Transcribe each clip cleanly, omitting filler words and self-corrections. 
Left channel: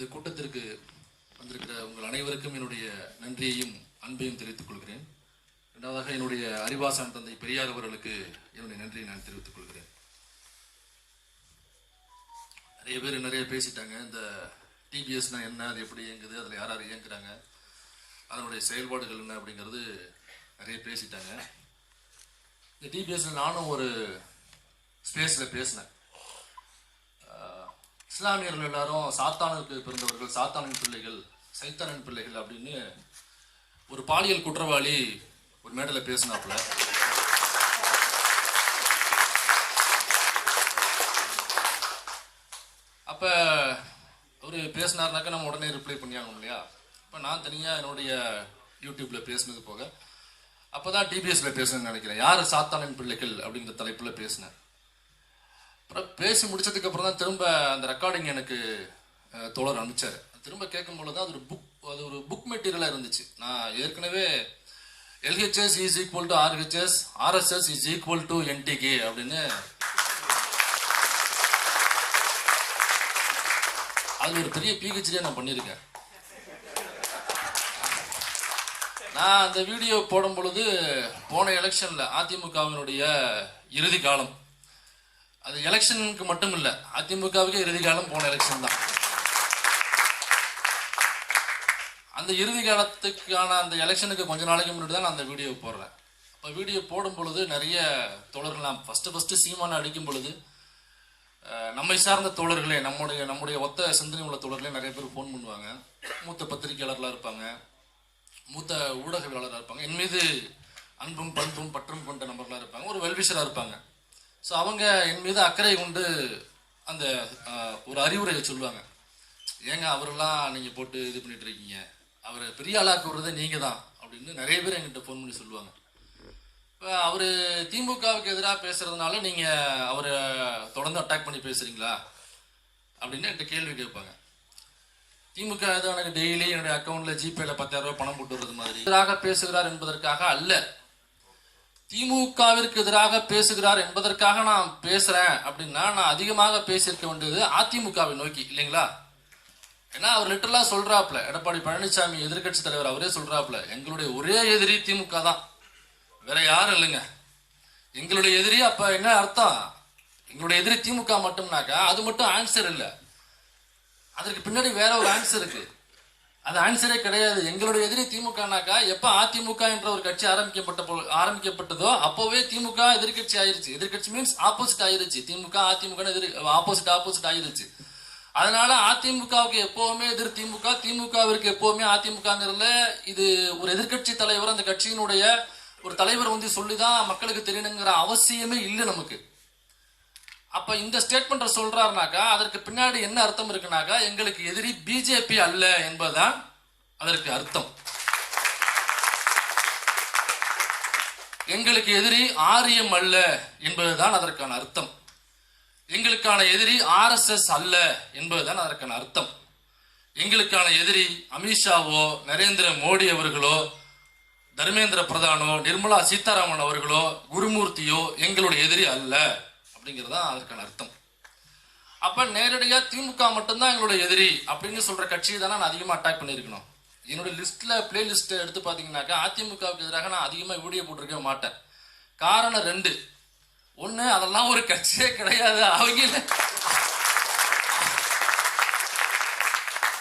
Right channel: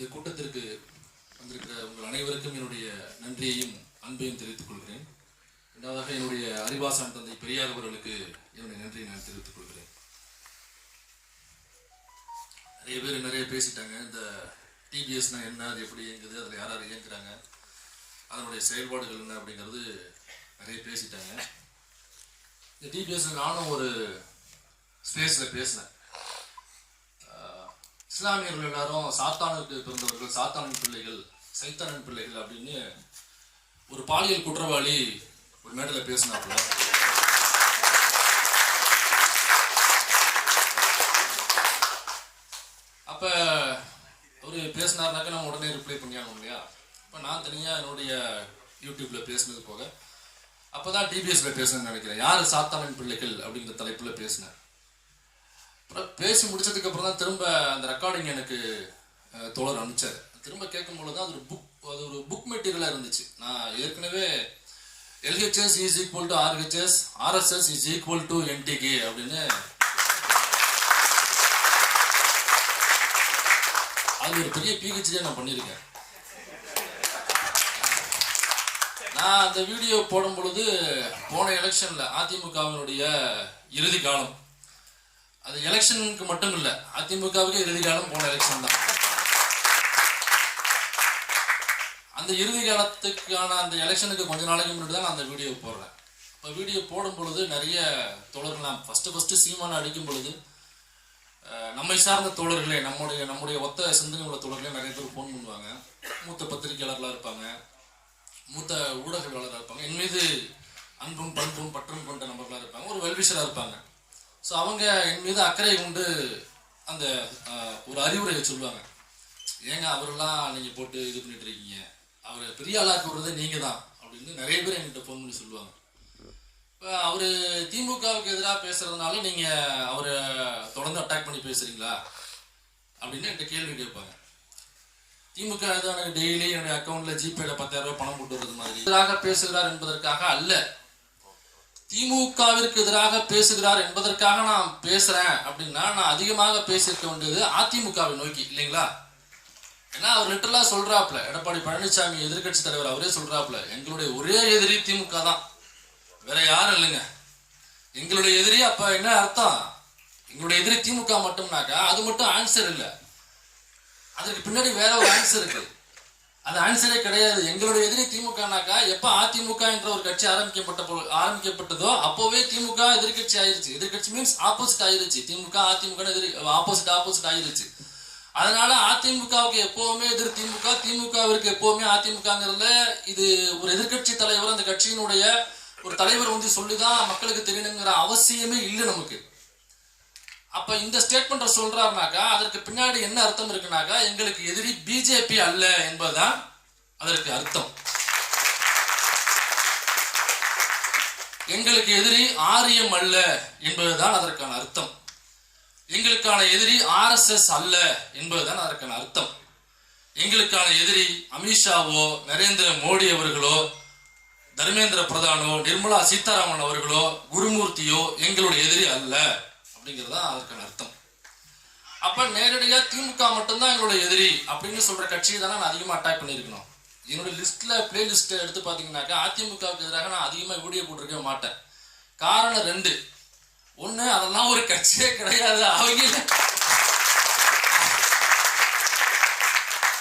இந்த கூட்டத்திற்கு வந்திருக்கிற உங்கள் அனைவருக்கும் என்னுடைய நன்றியையும் அன்பையும் தெரிவித்துக் கொள்கிறேன். இரண்டாவதாக என்னுடைய அறிவாசான் தந்தை பெரியார் அவர்களுக்கு என்னுடைய நன்றியை நான் தெரிவித்துக் கொள்கிறேன். நிறைய பேர் நிறைய பேசிட்டாங்க. இந்த டிபிஎஸ்னா என்ன, அது எப்படி இயங்குது, அதில் யார் யார் இயங்குறாங்க, அதனுடைய செயல்பாடுகள் என்ன அப்படிங்கிறது நிறைய பேசிட்டாங்க. இந்த டிபிஎஸ்ல நானும் ஒரு ஸ்பேஸில் பேசினேன். இஸ்லாமியர்கள் எல்லாரும் சாத்தானுக்கு பிறந்தவர்கள், சாத்தானின் பிள்ளைகள், சைத்தானின் பிள்ளைகள் அப்படின்னு ஒரு பாலியல் குற்றவாளி ஒரு மேடையில் பேசினாப்புல. அப்போ ஒரு பேசினார்னாக்கா நம்ம உடனே ரிப்ளை பண்ணியாகணும் இல்லையா? இப்போ நான் தனியாக என்னுடைய யூடியூப்பில் பேசினது போக அப்போ தான் டிபிஎஸ்ல பேசணும்னு நினைக்கிறேன். யார் சாத்தானின் பிள்ளைகள் அப்படிங்கிற தலைப்பில் பேசினேன். அப்புறம் பேசி முடிச்சதுக்கு அப்புறம் தான் திரும்ப அந்த ரெக்கார்டிங் எனக்கு தோழர் அனுப்பிச்சார். திரும்ப கேட்கும்போது தான் அது ஒரு புக் மெட்டீரியலாக இருந்துச்சு. நான் ஏற்கனவே LHS is equal to RHS, RSS is equal to NTK அப்படின்னு அது ஒரு பெரிய PhD நான் பண்ணியிருக்கேன். நான் அந்த வீடியோ போடும் பொழுது போன எலெக்ஷன்ல அதிமுகவினுடைய இறுதி காலம், அது எலெக்ஷனுக்கு மட்டும் இல்லை, அதிமுகவுக்கு இறுதி காலம் போன எலெக்ஷன் தான். அந்த இறுதி காலத்துக்கான அந்த எலெக்ஷனுக்கு கொஞ்ச நாளைக்கு முன்னாடி தான் நான் அந்த வீடியோ போடுறேன். இப்போ வீடியோ போடும் பொழுது நிறைய தோழர்கள், நான் ஃபஸ்ட்டு சீமான அடிக்கும் பொழுது நம்மை சார்ந்த தோழர்களே, நம்முடைய ஒத்த சிந்தனை உள்ள தோழர்களே நிறைய பேர் ஃபோன் பண்ணுவாங்க. மூத்த பத்திரிகையாளர்களாக இருப்பாங்க, மூத்த ஊடகவியலாளராக இருப்பாங்க, என் மீது அன்பும் பண்பும் பற்றும் கொண்ட நபர்களாக இருப்பாங்க, ஒரு வெல்விஷராக இருப்பாங்க. ஸோ அவங்க என் மீது அக்கறை கொண்டு அந்த ஒரு அறிவுரையை சொல்லுவாங்க. ஏங்க அவரெல்லாம் நீங்கள் போட்டு இது பண்ணிட்டு இருக்கீங்க, அவரை பெரிய ஆளாக்க விடுறதே நீங்கள் தான் அப்படின்னு நிறைய பேர் என்கிட்ட ஃபோன் பண்ணி சொல்லுவாங்க. இப்போ அவர் திமுகவுக்கு எதிராக பேசுறதுனால நீங்கள் அவரை தொடர்ந்து அட்டாக் பண்ணி பேசுறீங்களா அப்படின்னு என்கிட்ட கேள்வி கேட்பாங்க. திமுக எனக்கு டெய்லி என்னுடைய அக்கௌண்ட்ல ஜிபேல 10,000 ரூபாய் பணம் போட்டு வருது மாதிரி எதிராக பேசுகிறார் என்பதற்காக அல்ல, திமுகவிற்கு எதிராக பேசுகிறார் என்பதற்காக நான் பேசுறேன் அப்படின்னா நான் அதிகமாக பேசியிருக்க வேண்டியது அதிமுகவை நோக்கி இல்லைங்களா? ஏன்னா அவர் லிட்டரலா சொல்றாப்ல, எடப்பாடி பழனிசாமி எதிர்கட்சி தலைவர் அவரே சொல்றாப்ல, எங்களுடைய ஒரே எதிரி திமுக தான், வேற யாரும் இல்லைங்க எங்களுடைய எதிரி. அப்ப என்ன அர்த்தம்? எங்களுடைய எதிரி திமுக மட்டும்னாக்கா அது மட்டும் ஆன்சர் இல்லை, அதற்கு பின்னாடி வேற ஒரு ஆன்சர் இருக்கு. அது ஆன்சரே கிடையாது. எங்களுடைய எதிரி திமுகனாக்கா எப்ப அதிமுக என்ற ஒரு கட்சி ஆரம்பிக்கப்பட்டதோ அப்போவே திமுக எதிர்கட்சி ஆயிருச்சு. எதிர்கட்சி மீன்ஸ் ஆப்போசிட் ஆயிருச்சு. திமுக அதிமுக ஆப்போசிட் ஆயிருச்சு. அதனால அதிமுகவுக்கு எப்பவுமே எதிர் திமுக, திமுகவிற்கு எப்பவுமே அதிமுகங்கிறதுல இது ஒரு எதிர்கட்சி தலைவர், அந்த கட்சியினுடைய ஒரு தலைவர் வந்து சொல்லிதான் மக்களுக்கு தெரியணுங்கிற அவசியமே இல்லை நமக்கு. அப்ப இந்த ஸ்டேட்மெண்ட்டை சொல்றாருனாக்கா அதற்கு பின்னாடி என்ன அர்த்தம் இருக்குனாக்கா எங்களுக்கு எதிரி பிஜேபி அல்ல என்பதுதான் அதற்கு அர்த்தம். எங்களுக்கு எதிரி ஆரியம் அல்ல என்பதுதான் அதற்கான அர்த்தம். எங்களுக்கான எதிரி RSS அல்ல என்பதுதான் அதற்கான அர்த்தம். எங்களுக்கான எதிரி அமித்ஷாவோ, நரேந்திர மோடி அவர்களோ, தர்மேந்திர பிரதானோ, நிர்மலா சீதாராமன் அவர்களோ, குருமூர்த்தியோ எங்களுடைய எதிரி அல்ல அப்படிங்கிறது தான் அதற்கான அர்த்தம். அப்ப நேரடியா திமுக மட்டும்தான் எங்களுடைய எதிரி அப்படின்னு சொல்ற கட்சியை தானே நான் அதிகமா அட்டாக் பண்ணியிருக்கணும். என்னோட பிளே லிஸ்ட் எடுத்து பாத்தீங்கன்னாக்கா அதிமுகவுக்கு எதிராக நான் அதிகமா வீடியோ போட்டிருக்க மாட்டேன். காரணம் 2. ஒண்ணு, அதெல்லாம் ஒரு கட்சியே கிடையாது.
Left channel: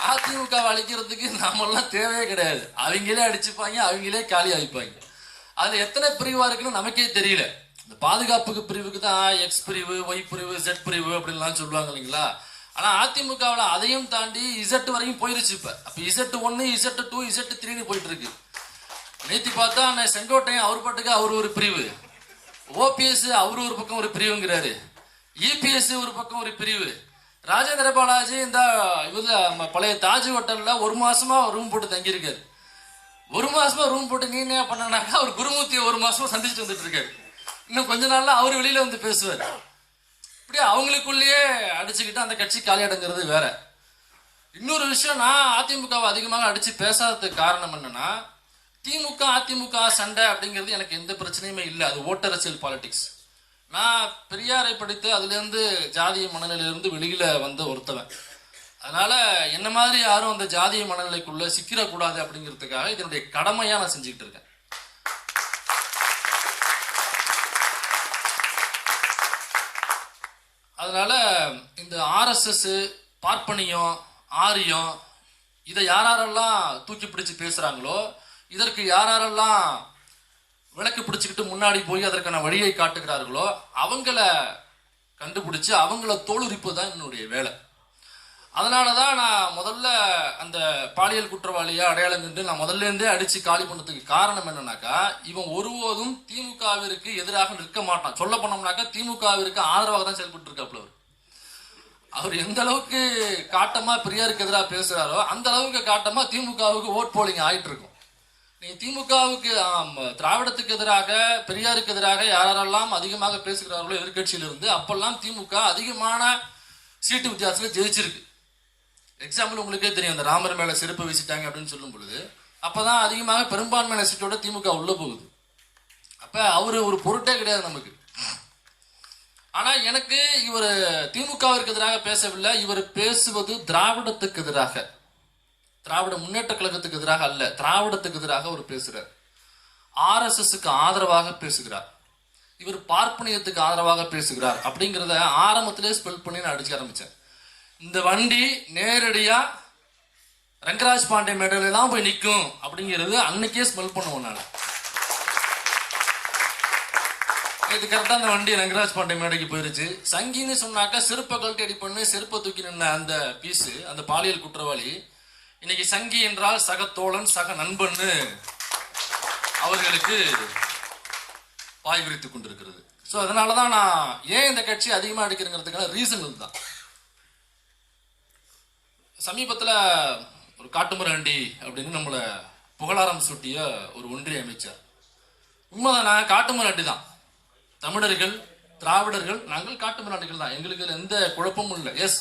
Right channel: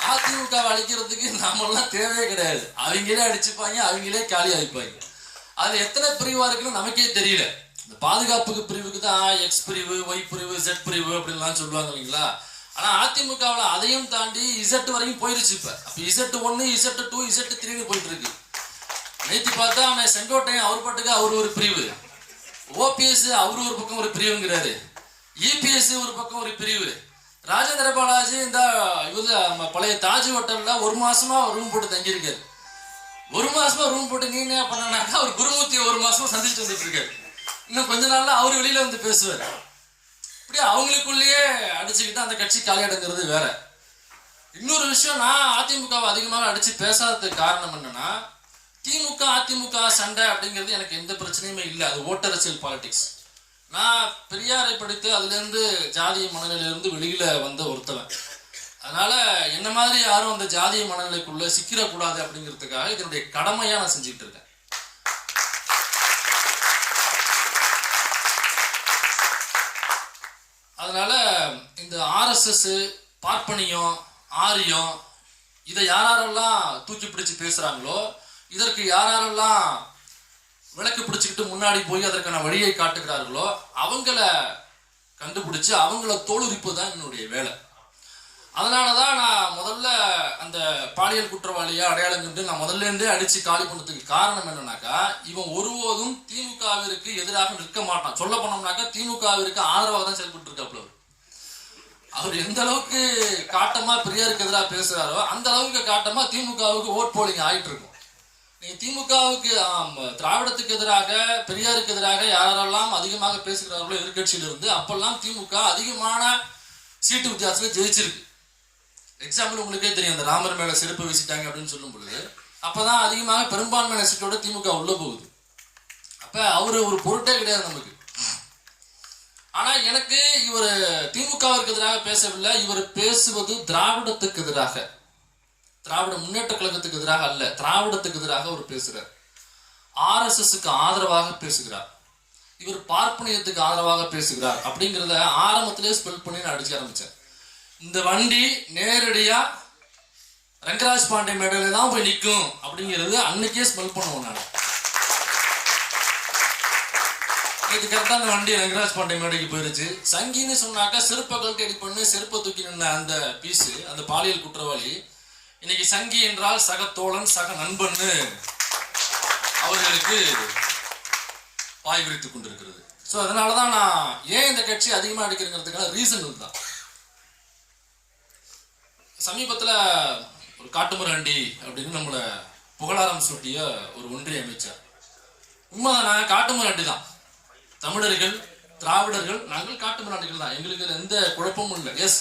அதிமுக அழிக்கிறதுக்கு நாமெல்லாம் தேவையே கிடையாது. அவங்களே அடிச்சுப்பாங்க, அவங்களே காலி அழிப்பாங்க. அதுல எத்தனை பிரிவா இருக்குன்னு நமக்கே தெரியல. இந்த பாதுகாப்புக்கு பிரிவுக்கு தான் X பிரிவு, Y பிரிவு, Z பிரிவு அப்படின்லாம் சொல்லுவாங்க இல்லைங்களா? ஆனா அதிமுகவில் அதையும் தாண்டி Z வரைக்கும் போயிருச்சு. இப்ப அப்ப Z1, Z2, Z3 போயிட்டு இருக்கு. நேற்று பார்த்தா செங்கோட்டையன் அவர் பாட்டுக்கு அவர் ஒரு பிரிவு, OPS அவரு ஒரு பக்கம் ஒரு பிரிவுங்கிறாரு, EPS ஒரு பக்கம் ஒரு பிரிவு, ராஜேந்திர பாலாஜி இந்த பழைய தாஜ் ஹோட்டல்ல 1 மாசமா ரூம் போட்டு தங்கியிருக்காரு. 1 மாசமா ரூம் போட்டு நீ என்ன பண்ணனாக்கா அவர் குருமூர்த்தியை 1 மாசமா சந்திச்சு வந்துட்டு இருக்காரு. இன்னும் கொஞ்ச நாள்ல அவரு வெளியில வந்து பேசுவார். இப்படி அவங்களுக்குள்ளேயே அடிச்சுக்கிட்டு அந்த கட்சி காலியாடுங்கிறது வேற. இன்னொரு விஷயம், நான் அதிமுகவை அதிகமாக அடிச்சு பேசாததுக்கு காரணம் என்னன்னா, திமுக அதிமுக சண்டை அப்படிங்கிறது எனக்கு எந்த பிரச்சனையுமே இல்லை. அது ஓட்டரசியல் பாலிடிக்ஸ். நான் பெரியாரை படித்து அதுலேருந்து ஜாதிய மனநிலையிலிருந்து வெளியில வந்த ஒருத்தவன். அதனால என்ன மாதிரி யாரும் அந்த ஜாதிய மனநிலைக்குள்ள சிக்கிடக்கூடாது அப்படிங்கிறதுக்காக இதனுடைய கடமையா நான் செஞ்சுக்கிட்டு இருக்கேன். அதனால இந்த RSS, பார்ப்பனியம், ஆரியம் இதை யாரெல்லாம் தூக்கி பிடிச்சு பேசுறாங்களோ, இதற்கு யாரெல்லாம் விளக்கு பிடிச்சிக்கிட்டு முன்னாடி போய் அதற்கான வழியை காட்டுகிறார்களோ அவங்கள கண்டுபிடிச்சு அவங்கள தோலுரிப்பு தான் என்னுடைய வேலை. அதனாலதான் நான் முதல்ல அந்த பாலியல் குற்றவாளியா அடையாளம் கண்டு நான் முதல்ல இருந்தே அடிச்சு காலி பண்ணதுக்கு காரணம் என்னன்னாக்கா, இவன் ஒருபோதும் திமுகவிற்கு எதிராக நிற்க மாட்டான். சொல்ல போனோம்னாக்கா திமுகவிற்கு ஆதரவாக தான் செயல்பட்டு இருக்காப்புல. அவர் எந்த அளவுக்கு காட்டமா பெரியாருக்கு எதிராக பேசுறாரோ அந்த அளவுக்கு காட்டமா திமுகவுக்கு ஓட் போலிங் ஆயிட்டு இருக்கும். நீங்க திமுகவுக்கு திராவிடத்துக்கு எதிராக பெரியாருக்கு எதிராக யாரெல்லாம் அதிகமாக பேசுகிறார்களோ எதிர்கட்சியில இருந்து அப்பெல்லாம் திமுக அதிகமான சீட்டு வித்தியாசத்துல ஜெயிச்சிருக்கு. எக்ஸாம்பிள் உங்களுக்கே தெரியும், அந்த ராமர் மேல செருப்பு வீசிட்டாங்க அப்படின்னு சொல்லும் பொழுது அப்பதான் அதிகமாக பெரும்பான்மையான சீட்டோட திமுக உள்ள போகுது. அப்ப அவரு ஒரு பொருட்டே கிடையாது நமக்கு. ஆனா எனக்கு இவர் திமுகவிற்கு எதிராக பேசவில்லை, இவர் பேசுவது திராவிடத்துக்கு எதிராக, திராவிட முன்னேற்ற கழகத்துக்கு எதிராக அல்ல, திராவிடத்துக்கு எதிராக அவர் பேசுறார். RSSக்கு ஆதரவாக பேசுகிறார், இவர் பார்ப்பனியத்துக்கு ஆதரவாக பேசுகிறார் அப்படிங்கிறத ஆரம்பத்திலே ஸ்பெல் பண்ணி நான் அடிச்சு ஆரம்பிச்சேன். இந்த வண்டி நேரடியா ரங்கராஜ் பாண்டே மேடையில தான் போய் நிற்கும் அப்படிங்கிறது அன்னைக்கே ஸ்மெல் பண்ணுவோம். நான் இது கரெக்டா அந்த வண்டி ரங்கராஜ் பாண்டே மேடைக்கு போயிருச்சு. சங்கின்னு சொன்னாக்கா செருப்பை கழட்டி அடி பண்ணு, செருப்பை தூக்கி நின்ன அந்த பீஸு, அந்த பாலியல் குற்றவாளி இன்னைக்கு சங்கி என்றால் சக தோழன், சக நண்பன்னு அவர்களுக்கு பாய் விரித்துக் கொண்டிருக்கிறது. ஸோ அதனாலதான் நான் ஏன் இந்த கட்சி அதிகமாக அடிக்கிறதுக்கான ரீசன் தான். சமீபத்தில் ஒரு காட்டுமிராண்டி அப்படின்னு நம்மளை புகழாரம் சூட்டிய ஒரு ஒன்றிய அமைச்சர். உண்மைதானே, காட்டுமிராண்டி தான். தமிழர்கள், திராவிடர்கள், நாங்கள் காட்டுமிராண்டிகள் தான். எங்களுக்கு எந்த குழப்பமும் இல்லை. எஸ்,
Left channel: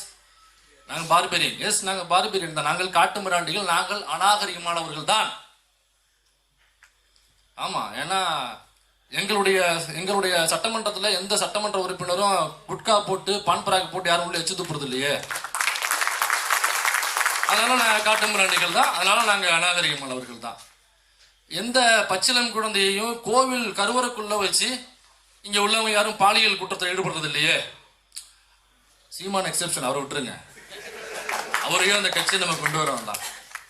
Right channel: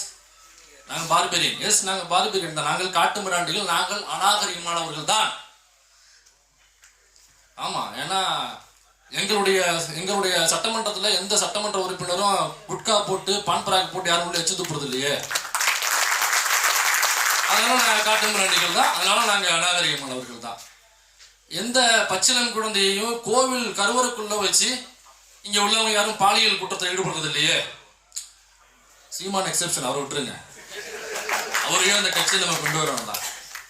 நாங்கள் பார்பெரியன். எஸ், நாங்கள் பார்பெரியன் தான். நாங்கள் காட்டுமிராண்டிகள், நாங்கள் அநாகரிகமானவர்கள் தான். ஆமா, ஏன்னா எங்களுடைய சட்டமன்றத்தில் எந்த சட்டமன்ற உறுப்பினரும் குட்கா போட்டு பான்பராக் போட்டு யாரும் உள்ள எச்சு துப்புறது இல்லையே. அதனால நாங்கள் காட்டுமிராண்டிகள் தான். அதனால நாங்கள் அநாகரிகமானவர்கள் தான். எந்த பச்சிளம் குழந்தையையும் கோவில் கருவறைக்குள்ள வச்சு இங்க உள்ளவங்க யாரும் பாலியல் குற்றத்தை ஈடுபடுறது இல்லையே. சீமான் எக்ஸெப்ஷன், அவரை விட்டுருங்க. அவரையும் அந்த கட்சியை நம்ம கொண்டு வர வேண்டாம்.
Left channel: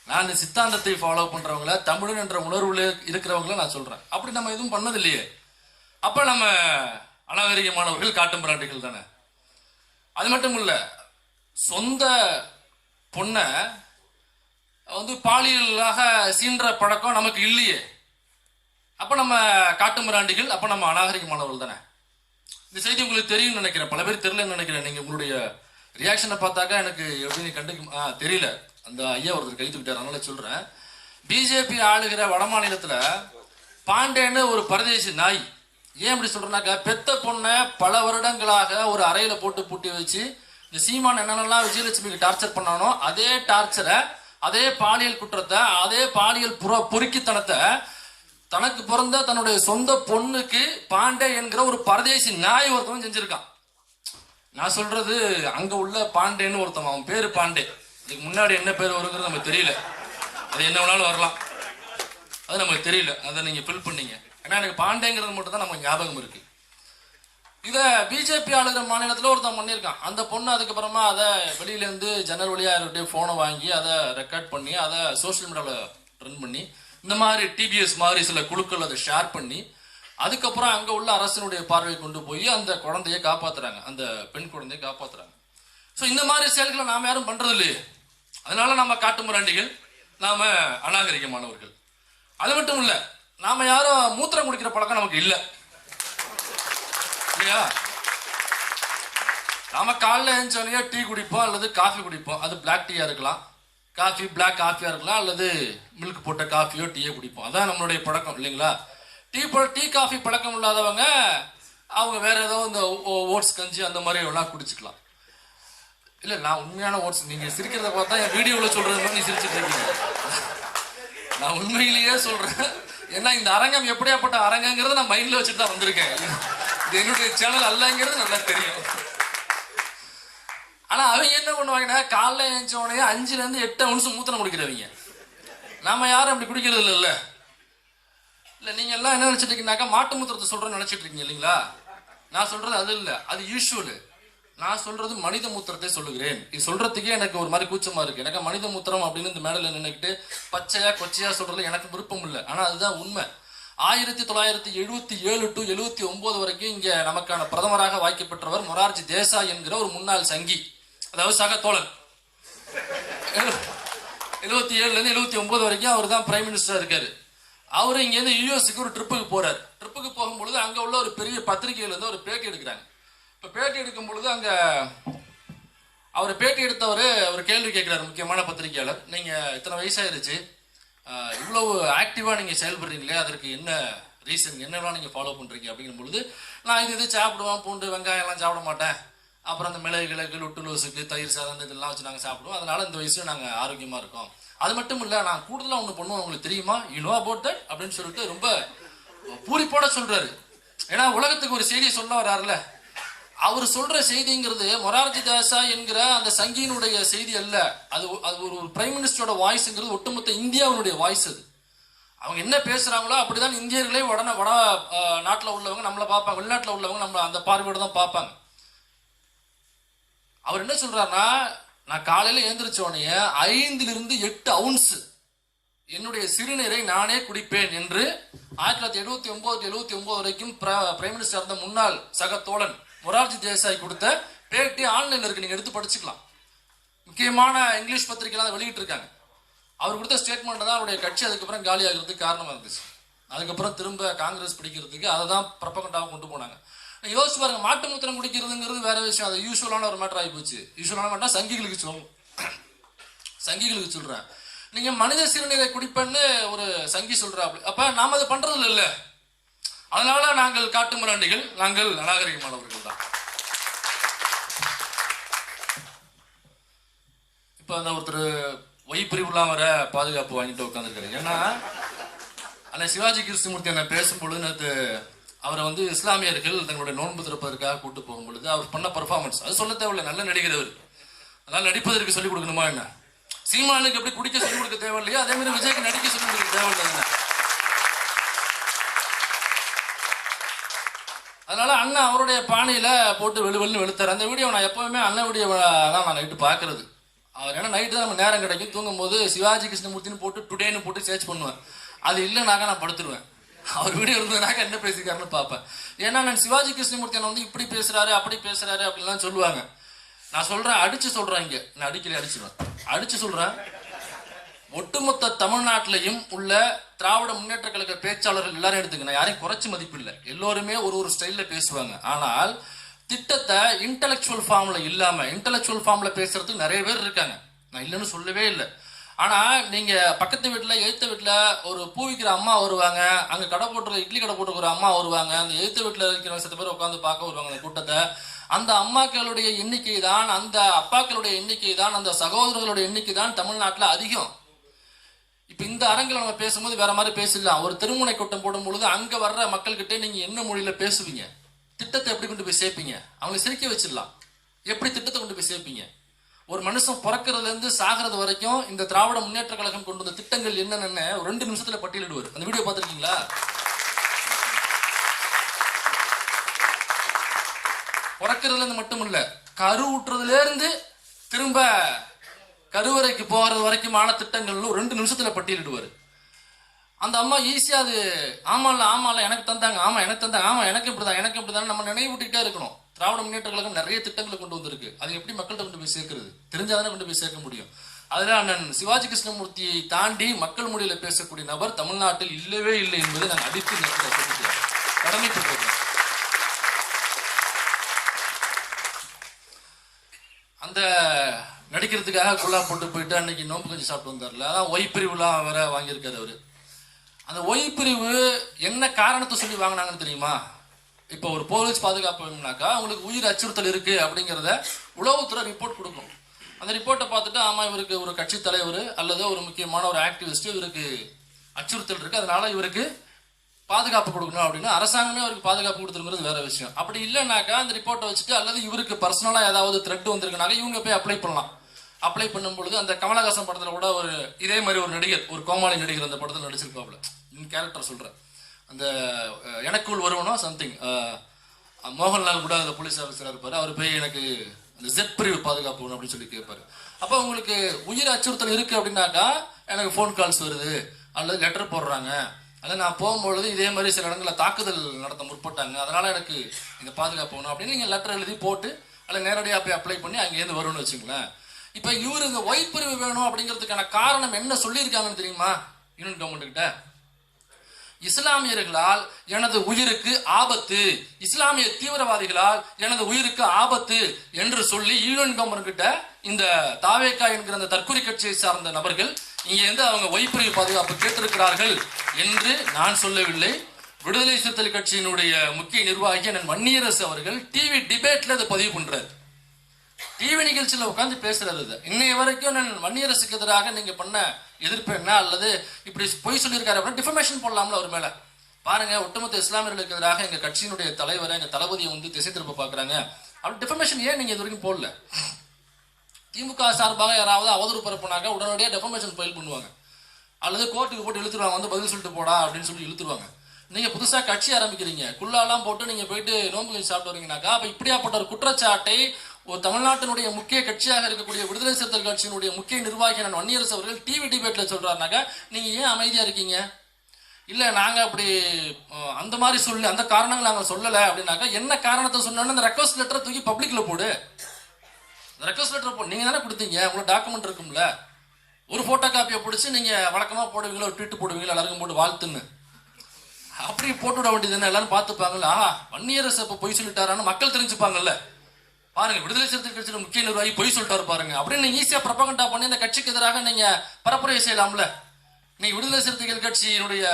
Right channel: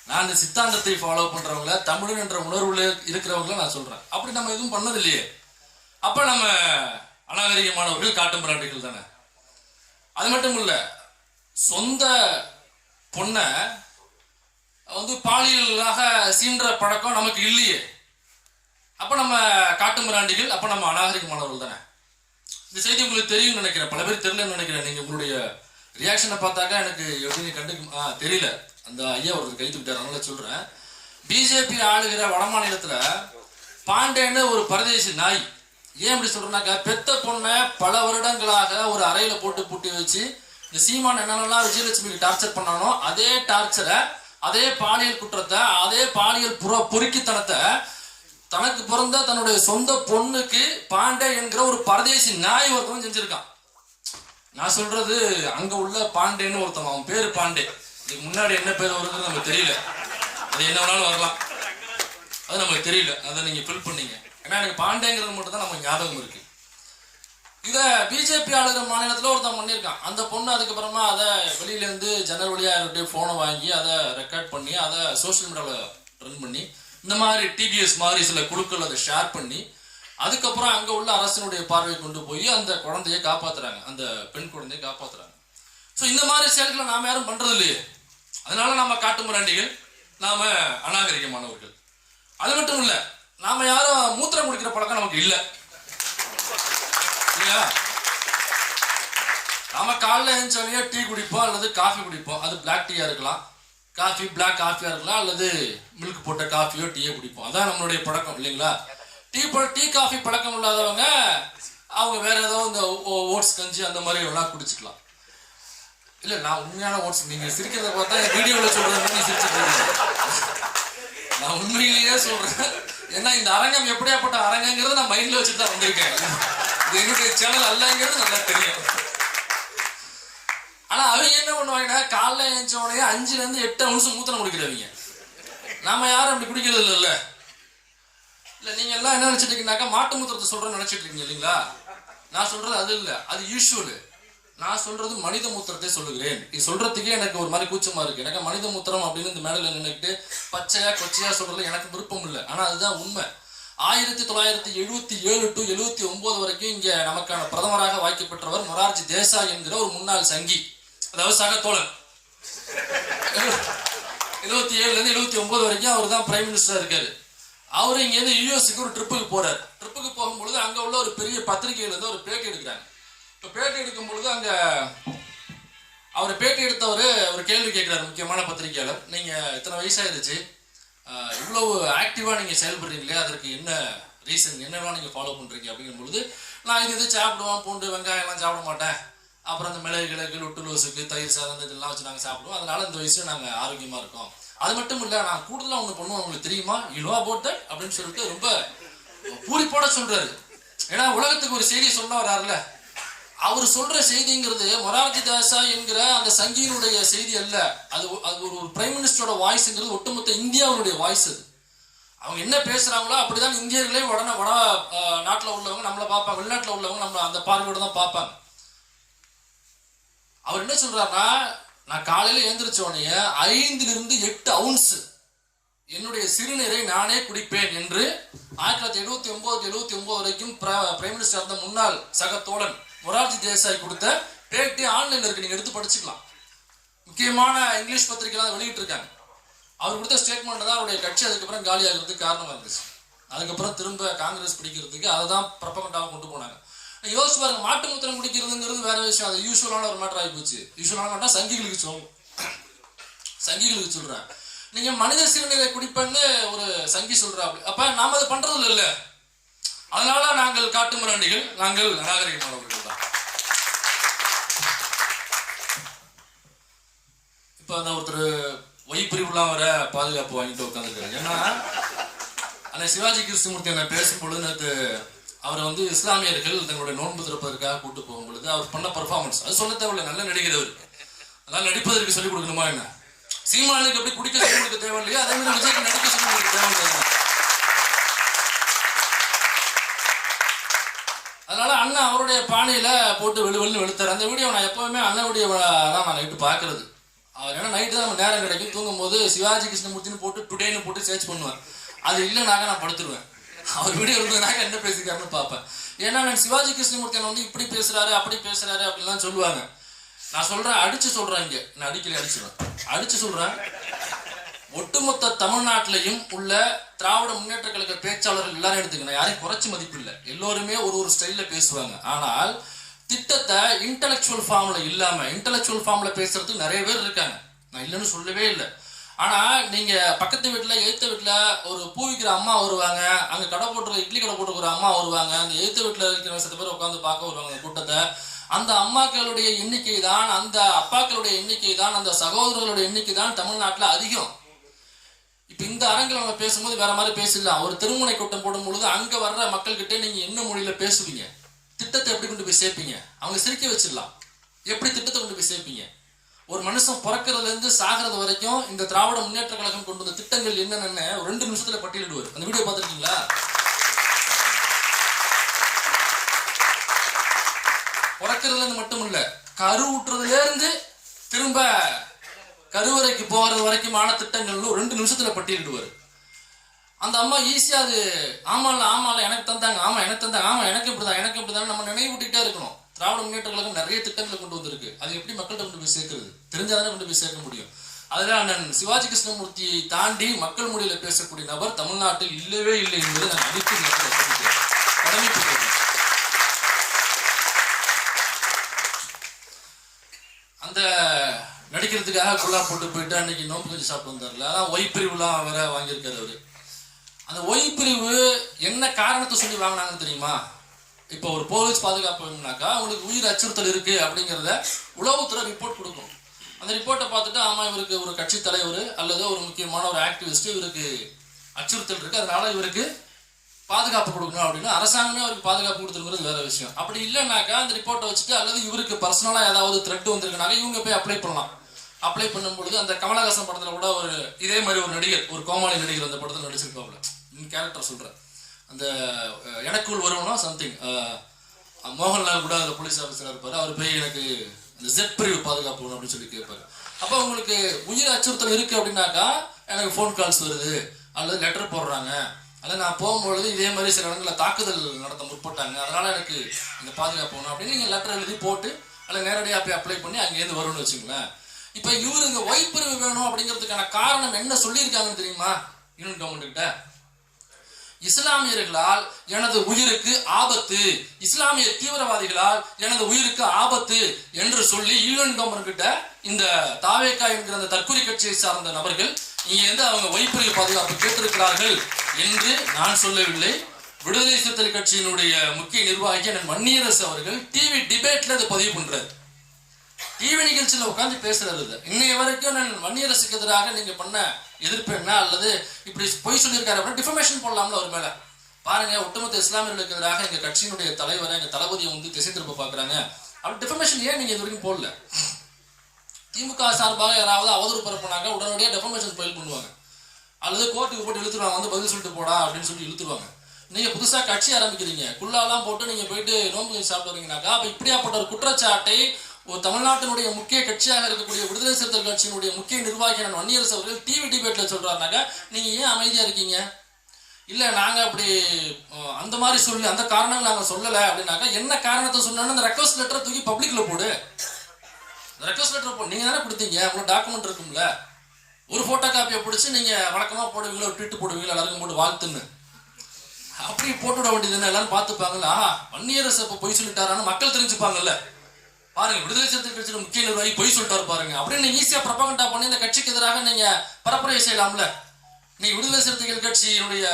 நான் இந்த சித்தாந்தத்தை ஃபாலோ பண்றவங்கள, தமிழன் என்ற உணர்வுல இருக்கிறவங்கள நான் சொல்றேன். அப்படி நம்ம எதுவும் பண்ணது இல்லையே. அப்ப நம்ம அநாகரிகமானவர்கள், காட்டுமிராண்டிகள் தானே. அது மட்டும் இல்ல, சொந்த பொண்ணை பாலியலாக சீன்ற பழக்கம் நமக்கு இல்லையே. அப்ப நம்ம காட்டுமிராண்டிகள், அப்ப நம்ம அநாகரிகமானவர்கள் தானே. இந்த செய்தி உங்களுக்கு தெரியும் நினைக்கிறேன், பல பேர் தெரியலன்னு நினைக்கிறேன். நீங்க உங்களுடைய ரியாக்ஷனை பார்த்தாக்கா எனக்கு எப்படி கண்டுக்க தெரியல. அந்த ஐயா ஒருத்தர் கைத்து விட்டார், அதனால சொல்றேன். பிஜேபி ஆளுகிற வட மாநிலத்துல பாண்டேன்னு ஒரு பரதேசி நாய். ஏன் இப்படி சொல்றேன்னாக்கா, பெத்த பொண்ணை பல வருடங்களாக ஒரு அறையில போட்டு பூட்டி வச்சு இந்த சீமான் என்னென்னலாம் விஜயலட்சுமிக்கு டார்ச்சர் பண்ணானோ அதே டார்ச்சரை, அதே பாலியல் குற்றத்தை, அதே பாலியல் பொறுக்கித்தனத்தை தனக்கு பிறந்த தன்னுடைய சொந்த பொண்ணுக்கு பாண்டே என்கிற ஒரு பரதேசி நாய் ஒருத்தவன் செஞ்சிருக்கான். நான் சொல்றது அங்க உள்ள பாண்டேன்னு ஒருத்தவன், அவன் பேரு பாண்டே. இதுக்கு முன்னாடி என்ன பேர் வருங்கிறது நமக்கு தெரியல. அது என்ன வேணாலும் வரலாம், அது நமக்கு தெரியல. அதை நீங்க ஃபில் பண்ணீங்க. ஏன்னா எனக்கு பாண்டேங்கிறது மட்டும் தான் நமக்கு ஞாபகம் இருக்கு. இதை பிஜேபி ஆளுகிற மாநிலத்தில் ஒருத்தன் பண்ணியிருக்கான். அந்த பொண்ணு அதுக்கப்புறமா அதை வெளியிலேருந்து ஜன்னல் வழியா யாருடைய ஃபோனை வாங்கி அதை ரெக்கார்ட் பண்ணி அதை சோசியல் மீடியாவில் ரன் பண்ணி இந்த மாதிரி டிபிஎஸ் மாதிரி சில குழுக்கள் அதை ஷேர் பண்ணி அதுக்கப்புறம் அங்கே உள்ள அரசினுடைய பார்வையை கொண்டு போய் அந்த குழந்தையை காப்பாத்துறாங்க, அந்த பெண் குழந்தையை காப்பாத்துறாங்க. ஸோ இந்த மாதிரி செயல்களை நாம யாரும் பண்றது இல்லையே. அதனால நம்ம காட்டுமிராண்டிகள், நாம அநாகரிகமானவர்கள். அது மட்டும் இல்ல, நாம யாரும் மூத்திரம் குடிக்கிற பழக்கம் நமக்கு இல்லை இல்லையா. நாம காலைல எழுந்தோடனே டீ குடிப்போம் அல்லது காஃபி குடிப்போம். அது பிளாக் டீயா இருக்கலாம், காஃபி பிளாக் காஃபியா இருக்கலாம், அல்லது மில்க் போட்ட காஃபியோ டீயோ குடிப்போம். அதான் நம்மளுடைய பழக்கம் இல்லைங்களா. டீ காஃபி பழக்கம் இல்லாதவங்க அவங்க வேற ஏதோ இந்த ஓட்ஸ் கஞ்சி அந்த மாதிரி எல்லாம் குடிச்சுக்கலாம். இல்ல, நான் உண்மையான ஓட்ஸ், நீங்க சிரிக்கிறத பார்த்தா என் வீடியோவில் சொல்றது நீ சிரிச்சுட்டு நான் உண்மையிலேயே சொல்றேன். ஏன்னா இந்த அரங்கம் எப்படியாப்பட்ட அரங்கங்கிறத நான் மைண்ட்ல வச்சுட்டு தான் வந்திருக்கேன். இது என்னுடைய சேனல் அல்லங்கிறது நல்லா தெரியும். ஆனா அவங்க என்ன பண்ணுவாங்கன்னா காலைல எழுந்தோடனே 5ல இருந்து 8 அவுன்ஸ் மூத்திரம் குடிக்கிறவங்க. நாம யாரும் அப்படி குடிக்கிறது இல்லைல்ல. இல்லை நீங்க எல்லாம் என்ன நினைச்சிட்டு இருக்கீங்கன்னாக்கா மாட்டு மூத்திரத்தை சொல்றேன்னு நினைச்சிட்டு இருக்கீங்க இல்லைங்களா? நான் சொல்றது அது இல்லை, அது யூஸ்வல். நான் சொல்றது மனித மூத்திரத்தை சொல்லுகிறேன். இது சொல்றதுக்கே எனக்கு ஒரு மாதிரி கூச்சமா இருக்கு. எனக்கு மனித மூத்திரம் அப்படின்னு இந்த மேடையில் நின்றுக்கிட்டு பச்சையா கொச்சையா சொல்றதுல எனக்கு விருப்பம் இல்லை. ஆனா அதுதான் உண்மை. 1977 to 79 வரைக்கும் இங்க நமக்கான பிரதமராக வாய்க்கப்பெற்றவர் மொரார்ஜி தேசாய் என்கிற ஒரு முன்னாள் சங்கி, அதாவது சக தோழன். 77ல இருந்து 79 வரைக்கும் அவர் தான் பிரைம் மினிஸ்டரா இருக்காரு. அவரு இங்கேருந்து யூஎஸ்க்கு ஒரு ட்ரிப்புக்கு போறாரு. ட்ரிப்புக்கு போகும்பொழுது அங்க உள்ள ஒரு பெரிய பத்திரிகையில இருந்து ஒரு பேட்டி எடுக்கிறாங்க. இப்போ பேட்டி எடுக்கும் பொழுது அங்க அவர் பேட்டி எடுத்தவர் ஒரு கேள்வி கேட்கிறாரு, முக்கியமான பத்திரிகையாளர். நீங்க இத்தனை வயசாயிருச்சு, இவ்வளவு ஆக்டிவா நீங்க செயல்படுறீங்களே, அதற்கு என்ன ரீசன், என்னெல்லாம் நீங்க ஃபாலோ பண்றீங்க அப்படிங்கும் பொழுது, நான் இது சாப்பிடுவேன், பூண்டு வெங்காயம் எல்லாம் சாப்பிட மாட்டேன், அப்புறம் அந்த மிளகு கிழக்கு லொட்டு லோசுக்கு தயிர் சாதம் இதெல்லாம் வச்சு நாங்கள் சாப்பிடுவோம், அதனால இந்த வயசுல நாங்கள் ஆரோக்கியமா இருக்கோம். அது மட்டும் இல்லை, நான் கூடுதலாக ஒன்று பண்ணுவோம், உங்களுக்கு தெரியுமா, யூ நோ அபவுட் தட் அப்படின்னு சொல்லிட்டு ரொம்ப பூரிப்போட சொல்றாரு. ஏன்னா உலகத்துக்கு ஒரு செய்தி சொல்ல வர்றாருல. அவர் சொல்ற செய்திங்கிறது மொரார்ஜி தேசாய் என்கிற அந்த சங்கியினுடைய செய்தி அல்ல. அது ஒரு பிரைம் மினிஸ்டரோட வாய்ஸ்ங்கிறது ஒட்டுமொத்த இந்தியாவுடைய வாய்ஸ். அது அவங்க என்ன பேசுறாங்களோ அப்படிதான் இந்தியர்களே வட நாட்டில் உள்ளவங்க நம்மளை பார்ப்பாங்க, வெளிநாட்டில் உள்ளவங்க நம்ம அந்த பார்வையோட தான் பார்ப்பாங்க. அவர் என்ன சொல்றாருன்னா, நான் காலையில எழுந்திரிச்ச உடனே 5 to 8 அவுன்ஸ் என்னுடைய சிறுநீரை நானே குடிப்பேன் என்று 1979 வரைக்கும் பிரைம் மினிஸ்டர் இருந்த முன்னாள் சக தோழன் மொரார்ஜி தேசாய் கொடுத்த பேட்டி ஆன்லைன்ல இருக்கு, நீங்க எடுத்து படிச்சுக்கலாம். முக்கியமான இங்கிலீஷ் பத்திரிகைலாம் வெளியிட்டு இருக்காங்க. அவர் கொடுத்த ஸ்டேட்மெண்ட் தான் அவருடைய கட்சி அதுக்கப்புறம் காலி ஆகிறதுக்கு காரணமா இருந்துச்சு. அதுக்கப்புறம் திரும்ப காங்கிரஸ் பிடிக்கிறதுக்கு அதை தான் பிரபகண்டாவை கொண்டு போனாங்க. யோசிச்சு பாருங்க, மாட்டு மூத்திரம் குடிக்கிறதுங்கிறது வேற விஷயம், அது யூஸ்வலான ஒரு மேட்டர் ஆகி போச்சு. யூஸ்வலான மேட்டர் சங்கிகளுக்கு சொல்றேன். நீங்க மனித சிறுநீரை குடிப்பேன்னு ஒரு சங்கி சொல்றாரு. அப்ப நாம அதை பண்றது இல்ல. அதனால நாங்கள் காட்டு மிராண்டிகள், நாங்கள் அநாகரிகமானவர்கள் தான். இப்ப அந்த ஒருத்தர் ஒய்பிரிவுலாம் வர பாதுகாப்பு வாங்கிட்டு உட்காந்துருக்காரு. ஏன்னா அந்த சிவாஜி கிருஷ்ணமூர்த்தி என்ன பேசும்பொழுது நேற்று அவரை வந்து இஸ்லாமியர்கள் தங்களுடைய நோன்பு திறப்பதற்காக கூட்டு போகும் பொழுது அவர் பண்ண பர்ஃபார்மன்ஸ், அது சொல்ல தேவையில்லை, நல்ல நடிகர் அவர். அதனால நடிப்பதற்கு சொல்லிக் கொடுக்கணுமா என்ன? சீமானுக்கு எப்படி குடிக்க சொல்லிக் கொடுக்க தேவையில்லையா, அதே மாதிரி விஜய்க்கு நடிக்க சொல்லிக் கொடுக்க தேவையில்லை. அதனால அண்ணன் அவருடைய பானையில போட்டு வெளுவெளுன்னு வெளுத்தார். அந்த வீடியோ நான் எப்பவுமே அண்ணனுடைய தான் நான் நைட்டு பார்க்கறது. அவர் ஏன்னா நைட்டு தான் நம்ம நேரம் கிடைக்கும், தூங்கும் போது சிவாஜி கிருஷ்ணமூர்த்தின்னு போட்டு டுடேன்னு போட்டு சர்ச் பண்ணுவேன். அது இல்லைனாக்க நான் படுத்துருவேன். அவர் வீடியோ இருந்ததுனாக்க என்ன பேசிக்காருன்னு பார்ப்பேன். ஏன்னா நான் சிவாஜி கிருஷ்ணமூர்த்தி வந்து இப்படி பேசுறாரு அப்படி பேசுறாரு அப்படின்லாம் சொல்லுவாங்க. நான் சொல்றேன், அடிச்சு சொல்றேன், இங்க நான் அடிச்சு சொல்றேன். ஒட்டுமொத்த தமிழ்நாட்டிலையும் உள்ள திராவிட முன்னேற்ற கழக பேச்சாளர்கள் எல்லாரும் எடுத்துக்க, நான் யாரையும் குறைச்சி மதிப்பு இல்லை, எல்லோருமே ஒரு ஸ்டைல்ல பேசுவாங்க. ஆனால் திட்டத்தை இன்டலெக்சுவல் ஃபார்ம்ல இல்லாம இன்டலெக்சுவல் ஃபார்ம்ல பேசுறதுக்கு நிறைய பேர் இருக்காங்க, நான் இல்லைன்னு சொல்லவே இல்லை. ஆனா நீங்க பக்கத்து வீட்டுல எழுத்த வீட்டுல ஒரு பூ விற்கிற அம்மா வருவாங்க, அங்க கடை போட்டு இட்லி கடை போட்டு ஒரு அம்மா வருவாங்க, அந்த எழுத்த வீட்டுல இருக்கிற 10 பேர் உட்காந்து பார்க்க வருவாங்க அந்த கூட்டத்தை. அந்த அம்மாக்களுடைய எண்ணிக்கை தான், அந்த அப்பாக்களுடைய எண்ணிக்கை தான், அந்த சகோதரர்களுடைய எண்ணிக்கை தான் தமிழ்நாட்டில் அதிகம். இப்ப இந்த அரங்கில் நம்ம பேசும்போது வேற மாதிரி பேசலாம். ஒரு திருமுனை கூட்டம் போடும் பொழுது அங்க வர்ற மக்கள்கிட்ட நீங்க என்ன மொழியில பேசுவீங்க, திட்டத்தை எப்படி கொண்டு போய் சேர்ப்பீங்க, அவங்க சிரிக்க வச்சிடலாம். எப்படி திட்டத்தை கொண்டு போய் சேர்ப்பீங்க? ஒரு மனுஷன் பிறக்கிறதுல இருந்து சாகிறது வரைக்கும் இந்த திராவிட முன்னேற்ற கழகம் கொண்டு வந்த திட்டங்கள் என்னென்ன 2 நிமிஷத்துல பட்டியலிடுவார். அந்த வீடியோ பார்த்துருக்கீங்களா? பிறக்கிறதுல இருந்து மட்டும் இல்ல, கரு ஊற்றுறதுல இருந்து திரும்ப கருவறைக்கு போகிறது வரைக்குமான திட்டங்கள்னு 2 நிமிஷத்துல பட்டியலிடுவார். அந்த அம்மா ஈஸியா அது ஆமால எனக்கு தந்தாங்க, ஆமா எனக்கு தந்தாங்க, ஆமா எனக்கு இப்படிதான் நம்ம நினைவூட்டிக்கிட்டே இருக்கணும். திராவிட முன்னேற்ற கழகம் நிறைய திட்டங்களை கொண்டு வந்திருக்கு. அது எப்படி மக்கள்கிட்ட கொண்டு போய் சேர்க்கிறது? தெரிஞ்சாதானே கொண்டு போய் சேர்க்க முடியும். அதுல அண்ணன் சிவாஜி கிருஷ்ணமூர்த்தியை தாண்டி மக்கள் மொழியில பேசக்கூடிய நபர் தமிழ்நாட்டில் இல்லவே இல்லை என்பதை நான் அடித்து கடமைப்பட்டேன். அந்த நடிக்கிறதுக்காக குள்ளா போட்டு போயிட்டு அன்னைக்கு நோம்பு கொஞ்சம் சாப்பிட்டு வந்தார்ல, அதான் ஒய் பிரிவுலாம் வேற வாங்கியிருக்காரு அவரு. அந்த ஒய் பிரிவு என்ன காரணத்தை சொல்லி வாங்கினாங்கன்னு தெரியுமா? இப்போ ஒரு போலீஸ் பாதுகாப்புனாக்கா அவங்களுக்கு உயிர் அச்சுறுத்தல் இருக்கு அப்படிங்கிறத உளவுத்துறை ரிப்போர்ட் கொடுக்கும். அந்த ரிப்போர்ட்டை பார்த்துட்டு ஆமா இவருக்கு ஒரு கட்சி தலைவர் அல்லது ஒரு முக்கியமான ஒரு ஆக்டிவிஸ்ட் இவருக்கு அச்சுறுத்தல் இருக்கு, அதனால இவருக்கு பாதுகாப்பு கொடுக்கணும் அப்படின்னு அரசாங்கமே அவருக்கு பாதுகாப்பு கொடுத்துருங்கிறது வேற விஷயம். அப்படி இல்லைனாக்கா அந்த ரிப்போர்ட்டை வச்சுட்டு அல்லது இவருக்கு பர்சனலா ஏதாவது த்ரெட் வந்திருக்குனாக்க இவங்க போய் அப்ளை பண்ணலாம். அப்ளை பண்ணும் பொழுது அந்த கமலஹாசன் படத்துல கூட ஒரு இதே மாதிரி ஒரு நடிகர், ஒரு கோமாளி நடிகர் அந்த படத்தில் நடிச்சிருப்பாப்ல. கேரக்டர் சொல்றேன், அந்த எனக்குள் வருவனோ சம்திங், மோகன்லால் கூட அந்த போலீஸ் ஆஃபீஸராக இருப்பார். அவர் போய் எனக்கு அந்த ஜெட் பிரிவு பாதுகாப்பு வேணும் அப்படின்னு சொல்லி கேட்பாரு. அப்போ உங்களுக்கு உயிர் அச்சுறுத்தல் இருக்கு அப்படின்னாக்கா எனக்கு ஃபோன் கால்ஸ் வருது அல்லது லெட்டர் போடுறாங்க, அல்லது நான் போகும்பொழுது இதே மாதிரி சில இடங்களில் தாக்குதல் நடத்த முற்பட்டாங்க, அதனால எனக்கு இந்த பாதுகாப்பு வேணும் அப்படின்னு நீங்கள் லெட்டர் எழுதி போட்டு அல்லது நேரடியாக போய் அப்ளை பண்ணி அங்கேருந்து வரும்னு வச்சுங்களேன். இப்போ இவரு இந்த ஒய் பிரிவு வேணும் அப்படிங்கிறதுக்கான காரணம் என்ன சொல்லியிருக்காங்கன்னு தெரியுமா? யூனியன் கவர்மெண்ட் கிட்ட, இஸ்லாமியர்களால் எனது உயிருக்கு ஆபத்து, இஸ்லாமிய தீவிரவாதிகளால் எனது உயிருக்கு ஆபத்து என்று சொல்லி யூனியன் கவர்மெண்ட் கிட்ட இந்த தாவேகா என்கிற அந்த தற்கொலை கட்சியை சார்ந்த நபர்கள் இங்க இருந்து அவங்க ஒய்பிரிவு பாதுகாப்பு கேட்டிருக்கிறார்கள் என்று நான் சொல்லவில்லை. விடுதலை சிறுத்தைகள் கட்சியினுடைய முக்கிய நிர்வாகி வன்னியரசு அவர்கள் டிவி டிபேட்ல அதை பதிவு பண்றாரு. டிவி நிகழ்ச்சியில் உட்காந்து பேசுறது. இன்னைய வரைக்கும் நான் வன்னியரசுக்கு எதிராக நீங்க பண்ண எதிர்ப்பு என்ன, அல்லது இப்படி பொய் சொல்லியிருக்காரு அப்படின்னா டிஃபர்மேஷன் போடலாம்ல அவர் மேல. பாருங்க, ஒட்டுமொத்த இஸ்லாமியர்களுக்கு எதிராக எங்க கட்சியினுடைய தலைவரை, எங்க தளபதியை வந்து திசை திருப்ப பாக்குறாங்க, அப்படி டிஃபர்மேஷன் ஏன் நீங்க இது வரைக்கும் போடல? திமுக சார்பாக யாராவது அவதூறு பரப்புனாங்க உடனடியாக டெஃபர்மேஷன் ஃபைல் பண்ணுவாங்க, அல்லது கோர்ட்டுக்கு போட்டு இழுத்துருவாங்க, வந்து பதில் சொல்லிட்டு போடா அப்படின்னு சொல்லி இழுத்துருவாங்க. நீங்க புதுசா கட்சி ஆரம்பிக்கிறீங்க, குள்ளாலாம் போட்டு நீங்க போயிட்டு நோம்பு சாப்பிட்டு வரீங்கன்னாக்கா, அப்ப இப்படியாப்பட்ட ஒரு குற்றச்சாட்டை ஒரு தமிழ்நாட்டினுடைய முக்கிய கட்சியாக இருக்கக்கூடிய விடுதலை சிறுத்தைகள் கட்சியினுடைய முக்கிய நிர்வாகி வன்னியரசு அவர்கள் டிவி டிபேட்ல சொல்றாருனாக்கா நீங்க ஏன் அமைதியா இருக்கீங்க? இல்ல நாங்க அப்படி அந்த மாதிரி சொல்லி அந்த காரணங்கள் நாங்க சொல்லல அப்படின்னாக்கா, என்ன காரணத்தை சொன்னோன்னு அந்த ரெக்வஸ்ட் லெட்டரை தூக்கி பப்ளிக்ல போடு. ரெக்வஸ்ட் லெட்டர் போடு, நீங்க தானே கொடுத்தீங்க, உங்களுக்கு டாக்குமெண்ட் இருக்கும்ல. ஒரு போட்டோ காப்பியை பிடிச்சி நீங்க வழக்கமா போடுவீங்களா, ஒரு ட்வீட் போடுவீங்களா, எல்லாருக்கும் போட்டு வாழ்த்துன்னு அப்படி போட்டு விட வேண்டியது என்ன, எல்லாரும் பார்த்துப்பாங்கல்ல. வன்னியரசு இப்ப பொய் சொல்லிட்டாரான்னு மக்கள் தெரிஞ்சுப்பாங்கல்ல. பாருங்க, விடுதலை சிறுத்தைகள் கட்சியில முக்கிய நிர்வாகி பொய் சொல்லிட்டாரு பாருங்க அப்படின்னு ஈஸியா ப்ரொபகண்டா பண்ணி இந்த கட்சிக்கு எதிராக நீங்க பரப்புரை செய்யலாம்ல. நீங்க விடுதலை சிறுத்தைகள் கட்சியினுடைய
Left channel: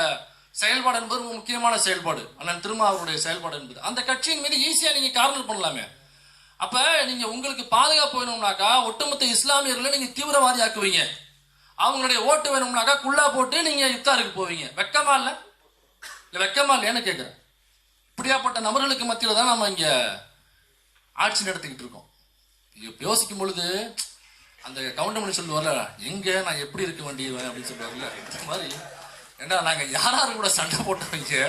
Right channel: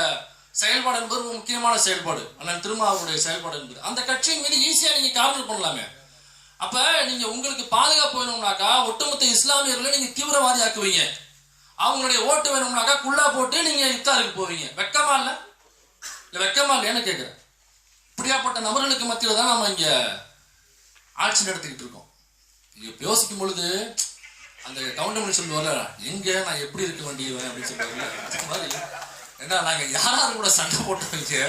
செயல்பாடு என்பது ஒரு முக்கியமான செயல்பாடு, அண்ணன் திருமாவளவனுடைய செயல்பாடு என்பது அந்த கட்சியின் மீது ஈஸியா நீங்க கார்னர் பண்ணலாமே. அப்ப நீங்க உங்களுக்கு பாதுகாப்பு வேணும்னாக்கா ஒட்டுமொத்த இஸ்லாமியர்களை நீங்க தீவிரவாதி ஆக்குவீங்க, அவங்களுடைய ஓட்டு வேணும்னாக்கா குள்ளா போட்டு நீங்க இஃப்தாருக்கு போவீங்க. வெக்கமா இல்ல? வெக்கமா இல்லையான்னு கேட்கிறேன். இப்படியாப்பட்ட நபர்களுக்கு மத்தியில தான் நம்ம இங்க ஆட்சி நடத்திக்கிட்டு இருக்கோம். யோசிக்கும் பொழுது அந்த கவுண்டமணி சொல்லுவார்ல, எங்க நான் எப்படி இருக்க வேண்டியவன் அப்படின்னு சொல்லுவாங்க. இந்த மாதிரி ஏன்னா நாங்க யாராரு கூட சண்டை போட்டவங்க,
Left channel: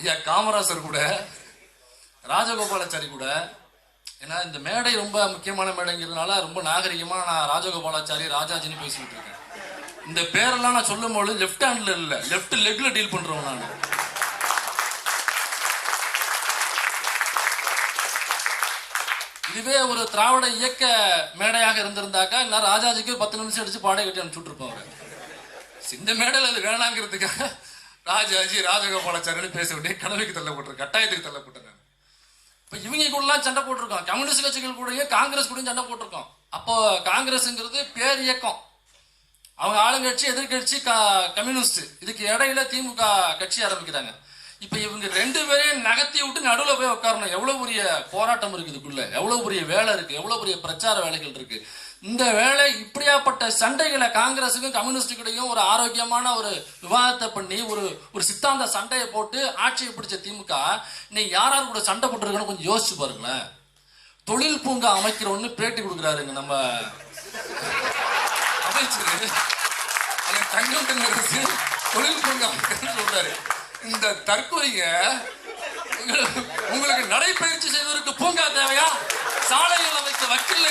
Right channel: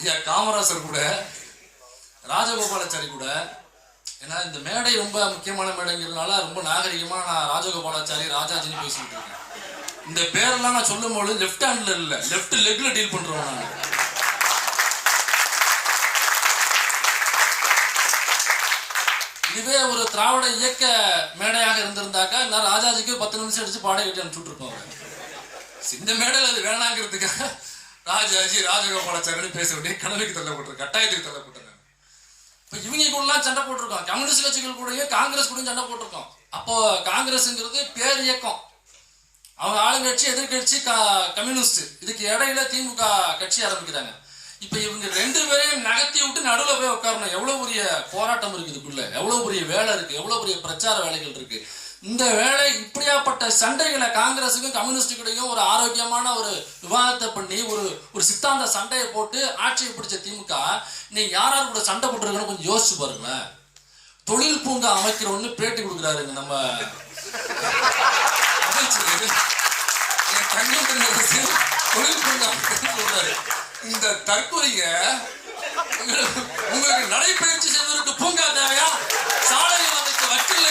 ஐயா காமராசர் கூட, ராஜகோபாலாச்சாரி கூட. ஏன்னா இந்த மேடை ரொம்ப முக்கியமான மேடைங்கிறதுனால ரொம்ப நாகரிகமா நான் ராஜகோபாலாச்சாரி ராஜாஜின்னு பேசிக்கிட்டு இருக்கேன். இந்த பேரெல்லாம் நான் சொல்லும் பொழுது லெஃப்ட் ஹேண்ட்ல இல்ல, லெஃப்ட் லெக்ல டீல் பண்றோம் நான். இதுவே ஒரு திராவிட இயக்க மேடையாக இருந்திருந்தாக்கா எல்லாரும் ராஜாஜிக்கு 10 நிமிஷம் அடிச்சு பாடை கட்டி அனுப்பிச்சுட்டு இருப்பாங்க. இந்த மேடையில் அது வேணாங்கிறதுக்காக ராஜாஜி ராஜகோபாலாச்சாரி பேச வேண்டிய கனவுக்கு தள்ளப்பட்டிருக்க, கட்டாயத்துக்கு தள்ளப்பட்டிருக்காங்க. இப்ப இவங்க கூட சண்டை போட்டிருக்கோம், கம்யூனிஸ்ட் கட்சிகள் கூடயும் காங்கிரஸ் கூடயும் சண்டை போட்டிருக்கோம். அப்போ காங்கிரஸ்ங்கிறது பேர் இயக்கம், அவங்க ஆளுங்கட்சி எதிர்கட்சி கம்யூனிஸ்ட், இதுக்கு இடையில திமுக கட்சி ஆரம்பிக்கிறாங்க. இப்ப இவங்க 2 பேரையும் நகர்த்தி விட்டு நடுவில் போய் உட்காரணும். எவ்வளவு பெரிய போராட்டம் இருக்கு இதுக்குள்ள, எவ்வளவு பெரிய வேலை இருக்கு, எவ்வளவு பெரிய பிரச்சார வேலைகள் இருக்கு. இந்த வேலை இப்படியாப்பட்ட சண்டைகளை காங்கிரஸுக்கும் கம்யூனிஸ்டுக்கிடையும் ஒரு ஆரோக்கியமான ஒரு விவாதத்தை பண்ணி ஒரு சித்தாந்த சண்டையை போட்டு ஆட்சியை பிடிச்ச திமுக நீங்க யாராரு கூட சண்டை போட்டுருக்கணும் கொஞ்சம் யோசிச்சு பாருங்களேன். தொழில் பூங்கா அமைக்கிறோன்னு பேட்டி கொடுக்குறாருங்க நம்ம அமைச்சர் தங்கம், தொழில் பூங்கா சொல்றாரு. இந்த தற்கொலைங்க உங்களுக்கு நடைபயிற்சி செய்வதற்கு பூங்கா தேவையா? சாலையில் அமைக்க வக்கீல்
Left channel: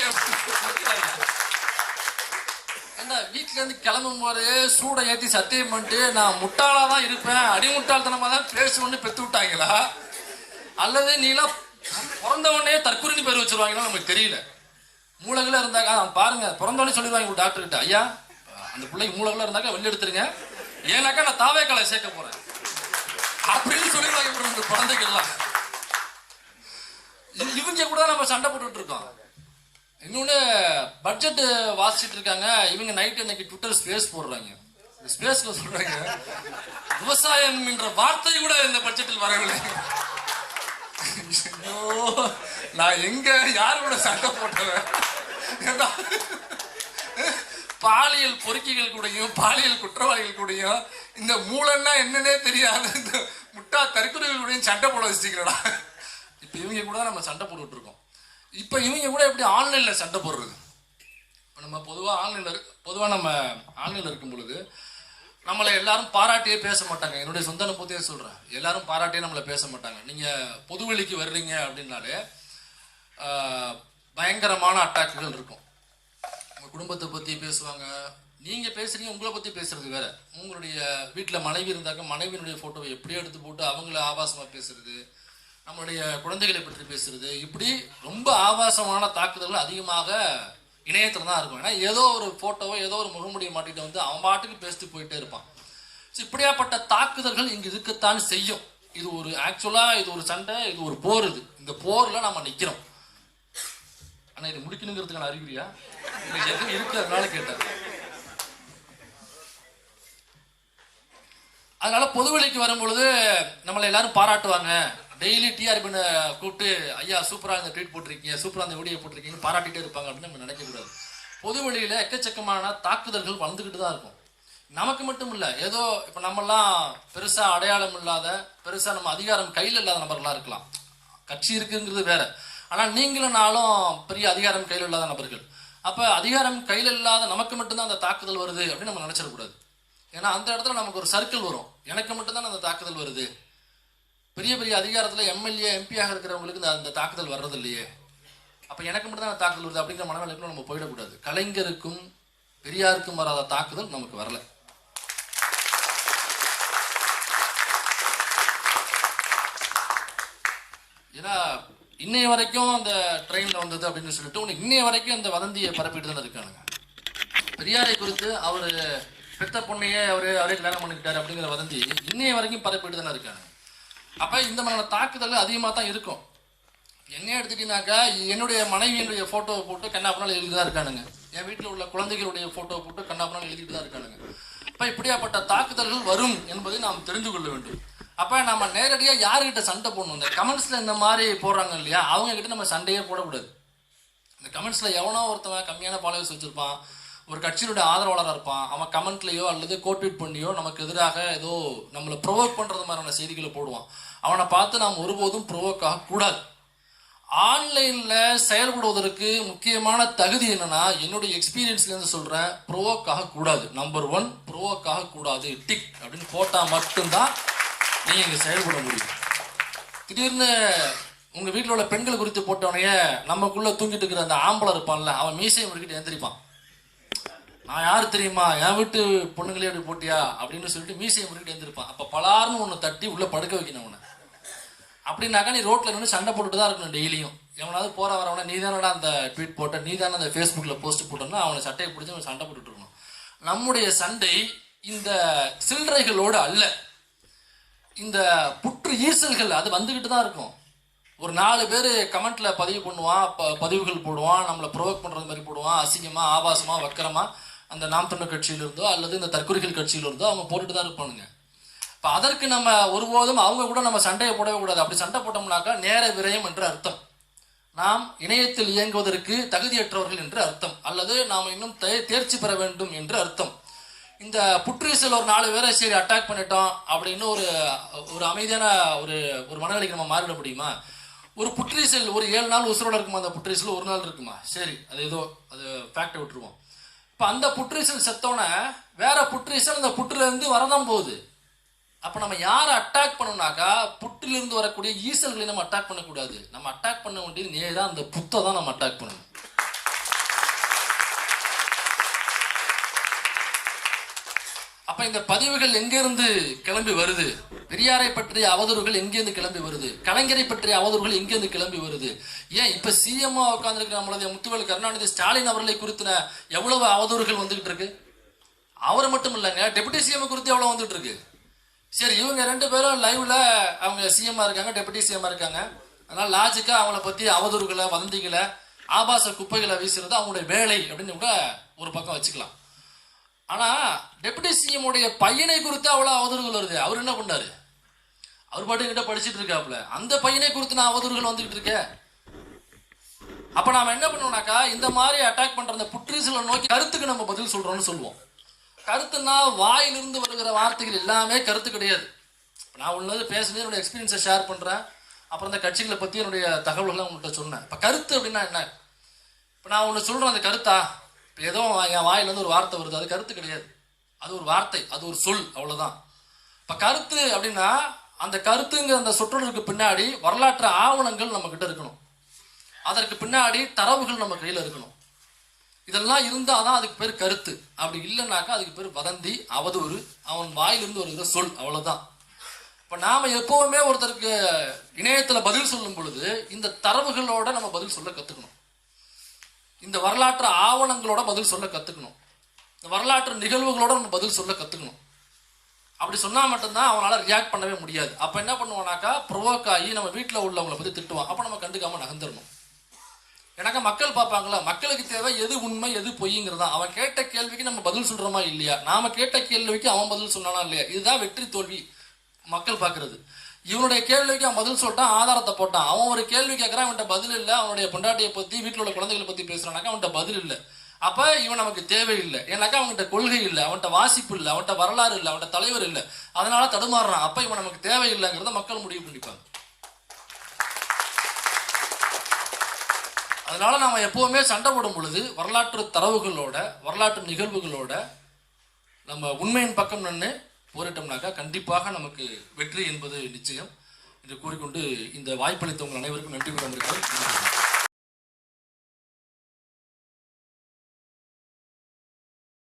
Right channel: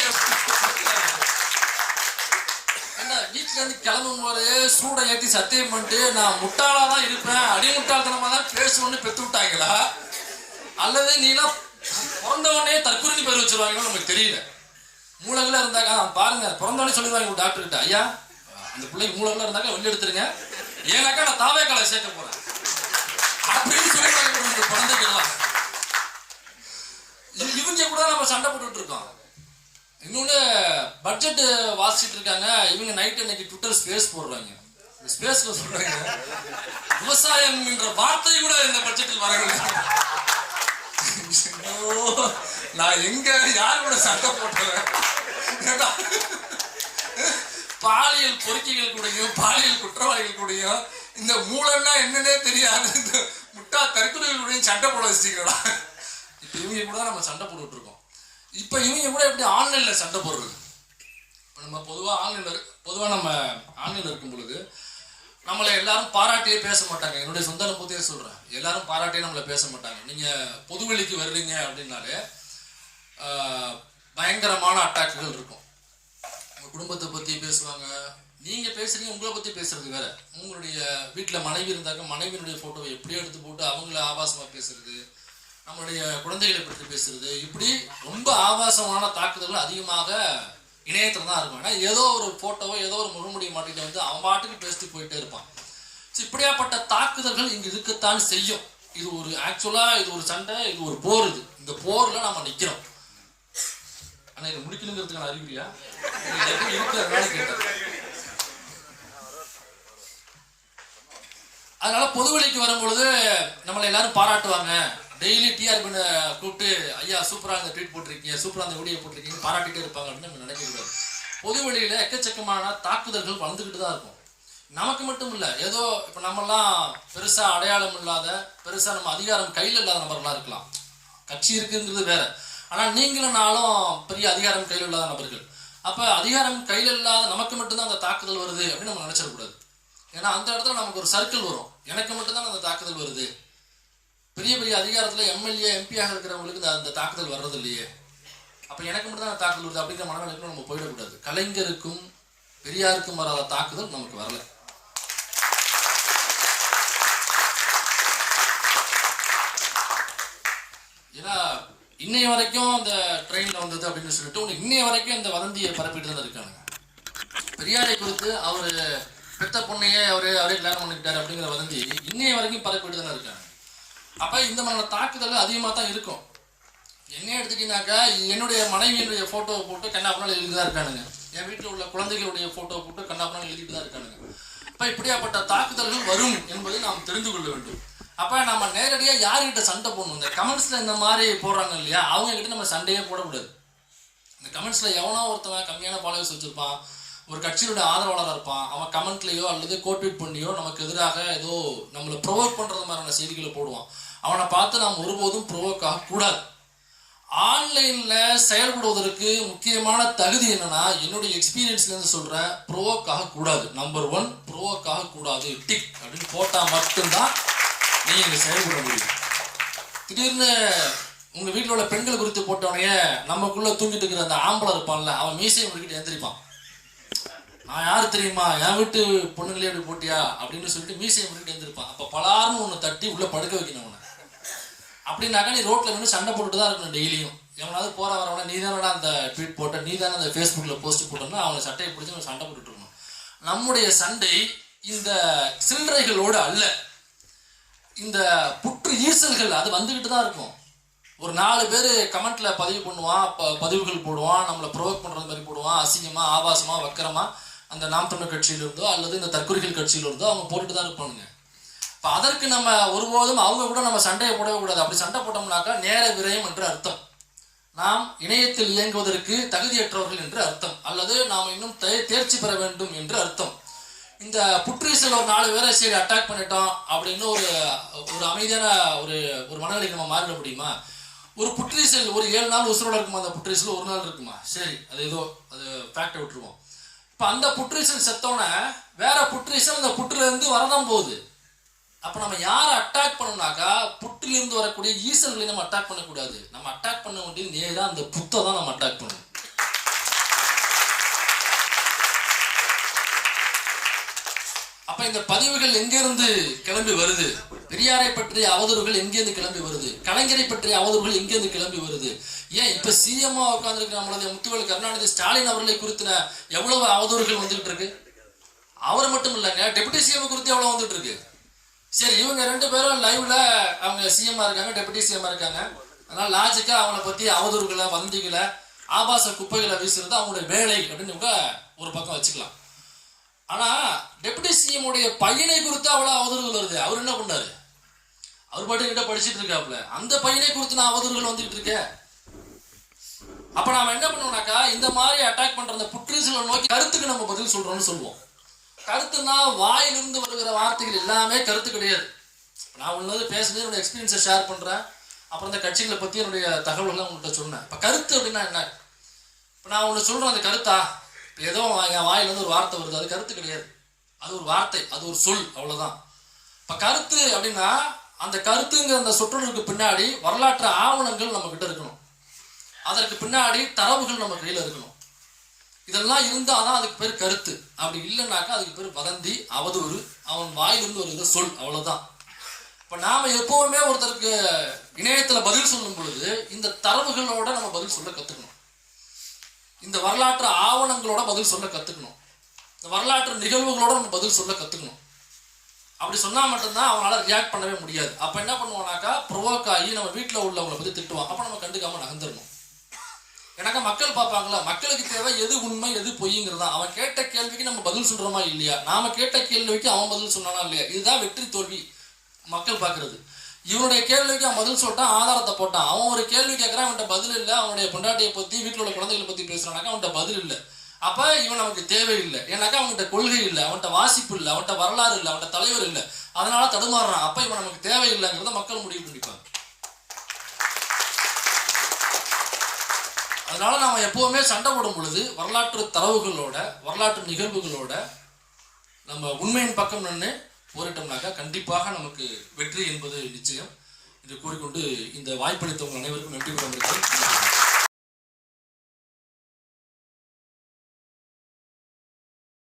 வீட்டுல இருந்து கிளம்பும் போதே சூடை ஏற்றி சத்தியம் பண்ணிட்டு நான் முட்டாளா தான் இருப்பேன், அடிமுட்டாள்தனமா தான் பேசுவோன்னு பெற்று விட்டாங்களா, அல்லது நீலாம் பிறந்தவொடனே தற்கொலை பேர் வச்சிருவாங்களோ நமக்கு தெரியல. மூலகில இருந்தாக்கா பாருங்க, பிறந்தவொடனே சொல்லிடுவாங்க டாக்டர் கிட்ட, ஐயா அந்த பிள்ளைக்கு மூலகில இருந்தாக்கா வெளியே எடுத்துருங்க, ஏன்னாக்கா நான் தாவேக்காலை சேர்க்க போறேன் அப்படின்னு சொல்லிடுவாங்க குழந்தைகள்லாம். இவங்க கூட நம்ம சண்டை போட்டுட்டு இருக்கோம். இன்னொன்னு பட்ஜெட் வாசிச்சுட்டு இருக்காங்க இவங்க, நைட் இன்னைக்கு ட்விட்டர் ஸ்பேஸ் போடுறாங்க. ஸ்பேஸ்ல சொல்றாங்க விவசாயம் என்ற வார்த்தை கூட இந்த பட்ஜெட்டில் வரவில்லை. நான் எங்க யார் கூட சண்டை போட்டுறேன்? பாலியல் பொறுக்கிகள் கூடயும் பாலியல் குற்றவாளிகள் கூடயும் இந்த மூலன்னா என்னன்னே தெரியாது இந்த முட்டா தற்கொலைகளுடையும் சண்டை போட வச்சுக்கிறா. இப்ப இவங்க கூட நம்ம சண்டை போட்டுட்டு இருக்கோம். இப்ப இவங்க கூட எப்படி ஆன்லைன்ல சண்டை போடுறது? நம்ம பொதுவாக நம்ம ஆன்லைனில் இருக்கும் பொழுது நம்மளை எல்லாரும் பாராட்டியே பேச மாட்டாங்க. என்னுடைய சொந்த அனுபவத்தையே சொல்கிறேன். எல்லாரும் பாராட்டியே நம்மளை பேச மாட்டாங்க. நீங்கள் பொதுவெளிக்கு வர்றீங்க அப்படின்னாலே பயங்கரமான அட்டாக்குகள் இருக்கும். உங்கள் குடும்பத்தை பற்றி பேசுவாங்க. நீங்கள் பேசுகிறீங்க, உங்களை பற்றி பேசுறது வேற. உங்களுடைய வீட்டில் மனைவி இருந்தாக்க மனைவியினுடைய ஃபோட்டோவை எப்படியோ எடுத்து போட்டு அவங்கள ஆபாசமாக பேசுறது, நம்மளுடைய குழந்தைகளை பற்றி பேசுறது, இப்படி ரொம்ப ஆபாசமான தாக்குதல்கள் அதிகமாக இணையத்தில் தான் இருக்கும். ஏன்னா ஏதோ ஒரு ஃபோட்டோவோ ஏதோ ஒரு முகமுடிய மாட்டிட்டு வந்து அவன் பாட்டுக்கு பேசிட்டு போயிட்டே இருப்பான். இப்படியாப்பட்ட தாக்குதல்கள் இங்கே இருக்கத்தான் செய்யும். இது ஒரு ஆக்சுவலாக இது ஒரு சண்டை, இது ஒரு போர். இந்த போரில் நம்ம நிற்கிறோம். ஆனால் இது முடிக்கணுங்கிறதுக்கான அறிகுறியா இருக்கிறதுனால கேட்டேன். அதனால பொதுவெளிக்கு வரும்பொழுது நம்மளை எல்லாரும் பாராட்டுவாங்க. டெய்லி டிஆர்பின்னு கூப்பிட்டு ஐயா சூப்பராக இந்த ட்வீட் போட்டிருக்கீங்க, சூப்பராக அந்த வீடியோ போட்டிருக்கீங்க, பாராட்டிகிட்டே இருப்பாங்க அப்படின்னு நம்ம நினைக்கக்கூடாது. பொதுவெளியில் எக்கச்சக்கமான தாக்குதல்கள் வளர்ந்துக்கிட்டு தான் இருக்கும். நமக்கு மட்டும் இல்லை, ஏதோ இப்போ நம்மெல்லாம் பெருசாக அடையாளம் இல்லாத, பெருசாக நம்ம அதிகாரம் கையில் இல்லாத நபர்களாக இருக்கலாம். கட்சி இருக்குங்கிறது வேற. ஆனால் நீங்களும் நாளும் பெரிய அதிகாரம் கையில் இல்லாத நபர்கள். அப்போ அதிகாரம் கையில் இல்லாத நமக்கு மட்டும்தான் அந்த தாக்குதல் வருது அப்படின்னு நம்ம நினச்சிடக்கூடாது. ஏன்னா அந்த இடத்துல நமக்கு ஒரு சர்க்கிள் வரும். எனக்கு மட்டும்தான் அந்த தாக்குதல் வருது. பெரிய பெரிய அதிகாரத்தில் எம்எல்ஏ எம்பியாக இருக்கிறவங்களுக்கு அந்த தாக்குதல் வர்றது இல்லையே, அப்போ எனக்கு மட்டும் தான் தாக்குதல் வருது அப்படிங்கிற மனநிலைக்கு நம்ம போயிடக்கூடாது. கலைஞருக்கும் பெரியாருக்கும் வராத தாக்குதல் நமக்கு வரல. ஏன்னா இன்னைய வரைக்கும் அந்த ட்ரெயினில் வந்தது அப்படின்னு சொல்லிட்டு இன்னைய வரைக்கும் இந்த வதந்தியை பரப்பிட்டு தான் இருக்கானுங்க. பெரியாரை குறித்து அவர் பெத்த பொண்ணையே அவரே கல்யாணம் பண்ணிக்கிட்டாரு அப்படிங்கிற வதந்தி இன்னைய வரைக்கும் பரப்பிட்டு தானே இருக்காங்க. அப்போ இந்த மாதிரியான தாக்குதல் அதிகமாக தான் இருக்கும். என்ன எடுத்துட்டீங்கன்னாக்கா, என்னுடைய மனைவியினுடைய ஃபோட்டோவை போட்டு கண்ணாப்பனால் எழுதிட்டு தான் இருக்கானுங்க. என் வீட்டில் உள்ள குழந்தைகளுடைய ஃபோட்டோவை போட்டு கண்ணாப்பனால் எழுதிட்டு தான் இருக்கானுங்க. அப்போ இப்படியாப்பட்ட தாக்குதல்கள் வரும் என்பதை நாம் தெரிந்து கொள்ள வேண்டும். அப்போ நம்ம நேரடியாக யார்கிட்ட சண்டை போடணும்? இந்த கமெண்ட்ஸில் இந்த மாதிரி போடுறாங்க இல்லையா, அவங்ககிட்ட நம்ம சண்டையே போடக்கூடாது. இந்த கமெண்ட்ஸில் எவனோ ஒருத்தவன் கம்மியான ஃபாலோவர்ஸ் வச்சுருப்பான், ஒரு கட்சியினுடைய ஆதரவாளராக இருப்பான், அவன் கமெண்ட்லேயோ அல்லது கோட்வீட் பண்ணியோ நமக்கு எதிராக ஏதோ நம்மளை ப்ரொவோக் பண்ணுறது மாதிரியான செய்திகளை போடுவான். அவனை பார்த்து நாம் ஒருபோதும் ப்ரொவோக் ஆகக்கூடாது. ஆன்லைனில் செயல்படுவதற்கு முக்கியமான தகுதி என்னன்னா, என்னுடைய எக்ஸ்பீரியன்ஸ்லேருந்து சொல்கிறேன், ப்ரொவோக் ஆகக்கூடாது. நம்பர் 1, ப்ரொவோக் ஆகக்கூடாது டிக் அப்படின்னு போட்டால் மட்டும்தான் நீங்கள் இங்கே செயல்பட முடியும். திடீர்னு உங்கள் வீட்டில் உள்ள பெண்கள் குறித்து போட்டவனையே நமக்குள்ளே தூங்கிட்டு இருக்கிற அந்த ஆம்பளை இருப்பான்ல, அவன் மீசையை முடிக்கிட்டு எழுந்திரிப்பான். நான் யார் தெரியுமா, என் வீட்டு பொண்ணுங்களே அப்படி போட்டியா அப்படின்னு சொல்லிட்டு மீசையை முடிக்கிட்டு எழுந்திருப்பான். அப்போ பலார்னு ஒன்று தட்டி உள்ளே படுக்க வைக்கணும் அவனை. அப்படின்னாக்கா நீ ரோட்டில் நின்று சண்டை போட்டுட்டு தான் இருக்கணும் டெய்லியும். எவனாவது போகிற வரவனை நீ தானடா அந்த ட்வீட் போட்ட, நீ தானே அந்த ஃபேஸ்புக்கில் போஸ்ட் போட்டோன்னா அவனை சட்டையை பிடிச்சி அவன் சண்டை போட்டுட்டு இருக்கணும். நம்முடைய சண்டை இந்த சில்லறைகளோடு அல்ல, இந்த புற்று ஈசல்கள் அது வந்துக்கிட்டு தான் இருக்கும். ஒரு 4 பேர் கமெண்ட்ல பதிவு பண்ணுவான், பதிவுகள் போடுவான், நம்மளை ப்ரொவோக் பண்ணுறது மாதிரி போடுவான், அசிங்கமாக ஆபாசமாக வக்கரமாக அந்த நாம் தமிழர் கட்சியிலிருந்தோ அல்லது இந்த தற்கொலைகள் கட்சியிலிருந்தோ அவங்க போட்டுட்டு தான் இருப்பானுங்க. இப்போ அதற்கு நம்ம ஒருபோதும் அவங்க கூட நம்ம சண்டையை போடவே கூடாது. அப்படி சண்டை போட்டோம்னாக்கா நேர விரயம் என்று அர்த்தம். நாம் இணையத்தில் இயங்குவதற்கு தகுதியற்றவர்கள் என்று அர்த்தம், அல்லது நாம் இன்னும் தேர்ச்சி பெற வேண்டும் என்று அர்த்தம். இந்த புற்றீசல் ஒரு 4 பேரை சரி அட்டாக் பண்ணிட்டோம் அப்படின்னு ஒரு அமைதியான ஒரு மனநிலைக்கு நம்ம மாறிட முடியுமா? ஒரு புற்றீசல் ஒரு 7 நாள் உசுரோட இருக்குமா? அந்த புற்றீசல் ஒரு நாள் இருக்குமா? சரி, அது ஃபேக்டை விட்டுருவோம். இப்போ அந்த புற்றீசல் செத்தோன்னே வேற புற்றீசல் அந்த புற்றுலேருந்து வரதான் போகுது. அப்போ நம்ம யாரை அட்டாக் பண்ணோம்னாக்கா, புற்றிலிருந்து வரக்கூடிய ஈசல்களை நம்ம அட்டாக் பண்ணக்கூடாது. நம்ம அட்டாக் பண்ண வேண்டியது நேராக அந்த புத்தை தான் நம்ம அட்டாக் பண்ணணும். அப்ப இந்த பதிவுகள் எங்கிருந்து கிளம்பி வருது? பெரியாரை பற்றிய அவதூறுகள் எங்கேருந்து கிளம்பி வருது? கலைஞரை பற்றிய அவதூறுகள் எங்கேருந்து கிளம்பி வருது? ஏன் இப்ப சிஎம்மா உட்கார்ந்துருக்கிற நம்மளது முத்துவேல் கருணாநிதி ஸ்டாலின் அவர்களை குறித்தின எவ்வளவு அவதூறுகள் வந்துகிட்டு இருக்கு. அவர் மட்டும் இல்லைங்க, டெபுட்டி சிஎம் குறித்து எவ்வளவு வந்துட்டு இருக்கு. சரி, இவங்க 2 பேரும் லைவ்ல அவங்க சிஎம்மா இருக்காங்க, டெபுட்டி சிஎம்மா இருக்காங்க. அதனால லாஜிக்கா அவங்கள பத்தி அவதூறுகளை, வதந்திகளை, ஆபாச குப்பைகளை வீசுறது அவங்களுடைய வேலை அப்படின்னு ஒரு பக்கம் வச்சுக்கலாம். ஆனா டெபுட்டி சிஎம் உடைய பையனை குறித்து அவ்வளவு அவதூறுகள் வருது. அவர் என்ன பண்ணாரு? அவர் பாட்டு கிட்ட படிச்சுட்டு இருக்காப்ல, அந்த பையனை குறித்து நான் அவதூறுகள் வந்துகிட்டு இருக்கேன். அப்ப நாம என்ன பண்ணுவோம்னாக்கா, இந்த மாதிரி அட்டாக் பண்ற அந்த புற்றீசலை நோக்கி கருத்துக்கு நம்ம பதில் சொல்றோம்னு சொல்லுவோம். கருத்துனா வாயிலிருந்து வருகிற வார்த்தைகள் எல்லாமே கருத்து கிடையாது. நான் உள்ளது பேசுனது என்னோட எக்ஸ்பீரியன்ஸை ஷேர் பண்றேன். அப்புறம் இந்த கட்சிகளை பத்தி என்னுடைய தகவல்களை உங்கள்கிட்ட சொன்னேன். இப்ப கருத்து அப்படின்னா என்ன? இப்ப நான் ஒண்ணு சொல்றேன், அந்த கருத்தா ஏதோ என் வாயிலிருந்து ஒரு வார்த்தை வருது, அது கருத்து கிடையாது, அது ஒரு வார்த்தை, அது ஒரு சொல், அவ்வளவுதான். இப்ப கருத்து அப்படின்னா அந்த கருத்துங்கிற அந்த சொற்றொடருக்கு பின்னாடி வரலாற்று ஆவணங்கள் நம்ம கிட்ட இருக்கணும், அதற்கு பின்னாடி தரவுகள் நம்ம கையில இருக்கணும். இதெல்லாம் இருந்தாதான் அதுக்கு பேர் கருத்து. அப்படி இல்லைன்னாக்கா அதுக்கு பேர் வதந்தி, அவதூறு, அவன் வாயிலிருந்து வருகிற சொல், அவ்வளவுதான். இப்ப நாம எப்பவுமே ஒருத்தருக்கு இணையத்துல பதில் சொல்லும் பொழுது இந்த தரவுகளோட நம்ம பதில் சொல்ல கத்துக்கணும், இந்த வரலாற்று ஆவணங்களோட பதில் சொல்ல கத்துக்கணும், இந்த வரலாற்று நிகழ்வுகளோட நம்ம பதில் சொல்ல கத்துக்கணும். அப்படி சொன்னா மட்டும்தான் அவனால ரியாக்ட் பண்ணவே முடியாது. அப்ப என்ன பண்ணுவானாக்கா ப்ரொவோக் ஆகி நம்ம வீட்டுல உள்ளவங்களை பத்தி திட்டுவான். அப்ப நம்ம கண்டுக்காம நகர்ந்துடணும். எனக்கு மக்கள் பார்ப்பாங்களா, மக்களுக்கு தேவை எது உண்மை எது பொய்ங்கிறதா. அவன் கேட்ட கேள்விக்கு நம்ம பதில் சொல்றோமா இல்லையா, நாம கேட்ட கேள்விக்கு அவன் பதில் சொன்னானா இல்லையா, இதுதான் வெற்றி தோல்வி மக்கள் பார்க்கறது. இவனுடைய கேள்விக்கு அவன் பதில் சொல்லிட்டான், ஆதாரத்தை போட்டான். அவன் ஒரு கேள்வி கேட்கறான், அவன்கிட்ட பதில் இல்லை. அவனுடைய பொண்டாட்டியை பத்தி வீட்டில் உள்ள குழந்தைகளை பத்தி பேசுறானாக்கா அவன்கிட்ட பதில் இல்லை. அப்ப இவன் நமக்கு தேவையில்லை, ஏன்னாக்கா அவன்கிட்ட கொள்கை இல்லை, அவன்கிட்ட வாசிப்பு இல்லை, அவன்கிட்ட வரலாறு இல்லை, அவன்கிட்ட தலைவர் இல்லை, அதனால தடுமாறுறான். அப்ப இவன் நமக்கு தேவையில்லைங்கிறத மக்கள் முடிவு பண்ணிப்பாங்க. அதனால நாம எப்பவுமே சண்டை போடும் பொழுது வரலாற்று தரவுகளோட வரலாற்று நிகழ்வுகளோட நம்ம உண்மையின் பக்கம் நின்று போரிட்டோம்னாக்கா கண்டிப்பாக நமக்கு வெற்றி என்பது நிச்சயம் என்று கூறிக்கொண்டு இந்த வாய்ப்பளித்தவங்க அனைவருக்கும் நன்றி கூற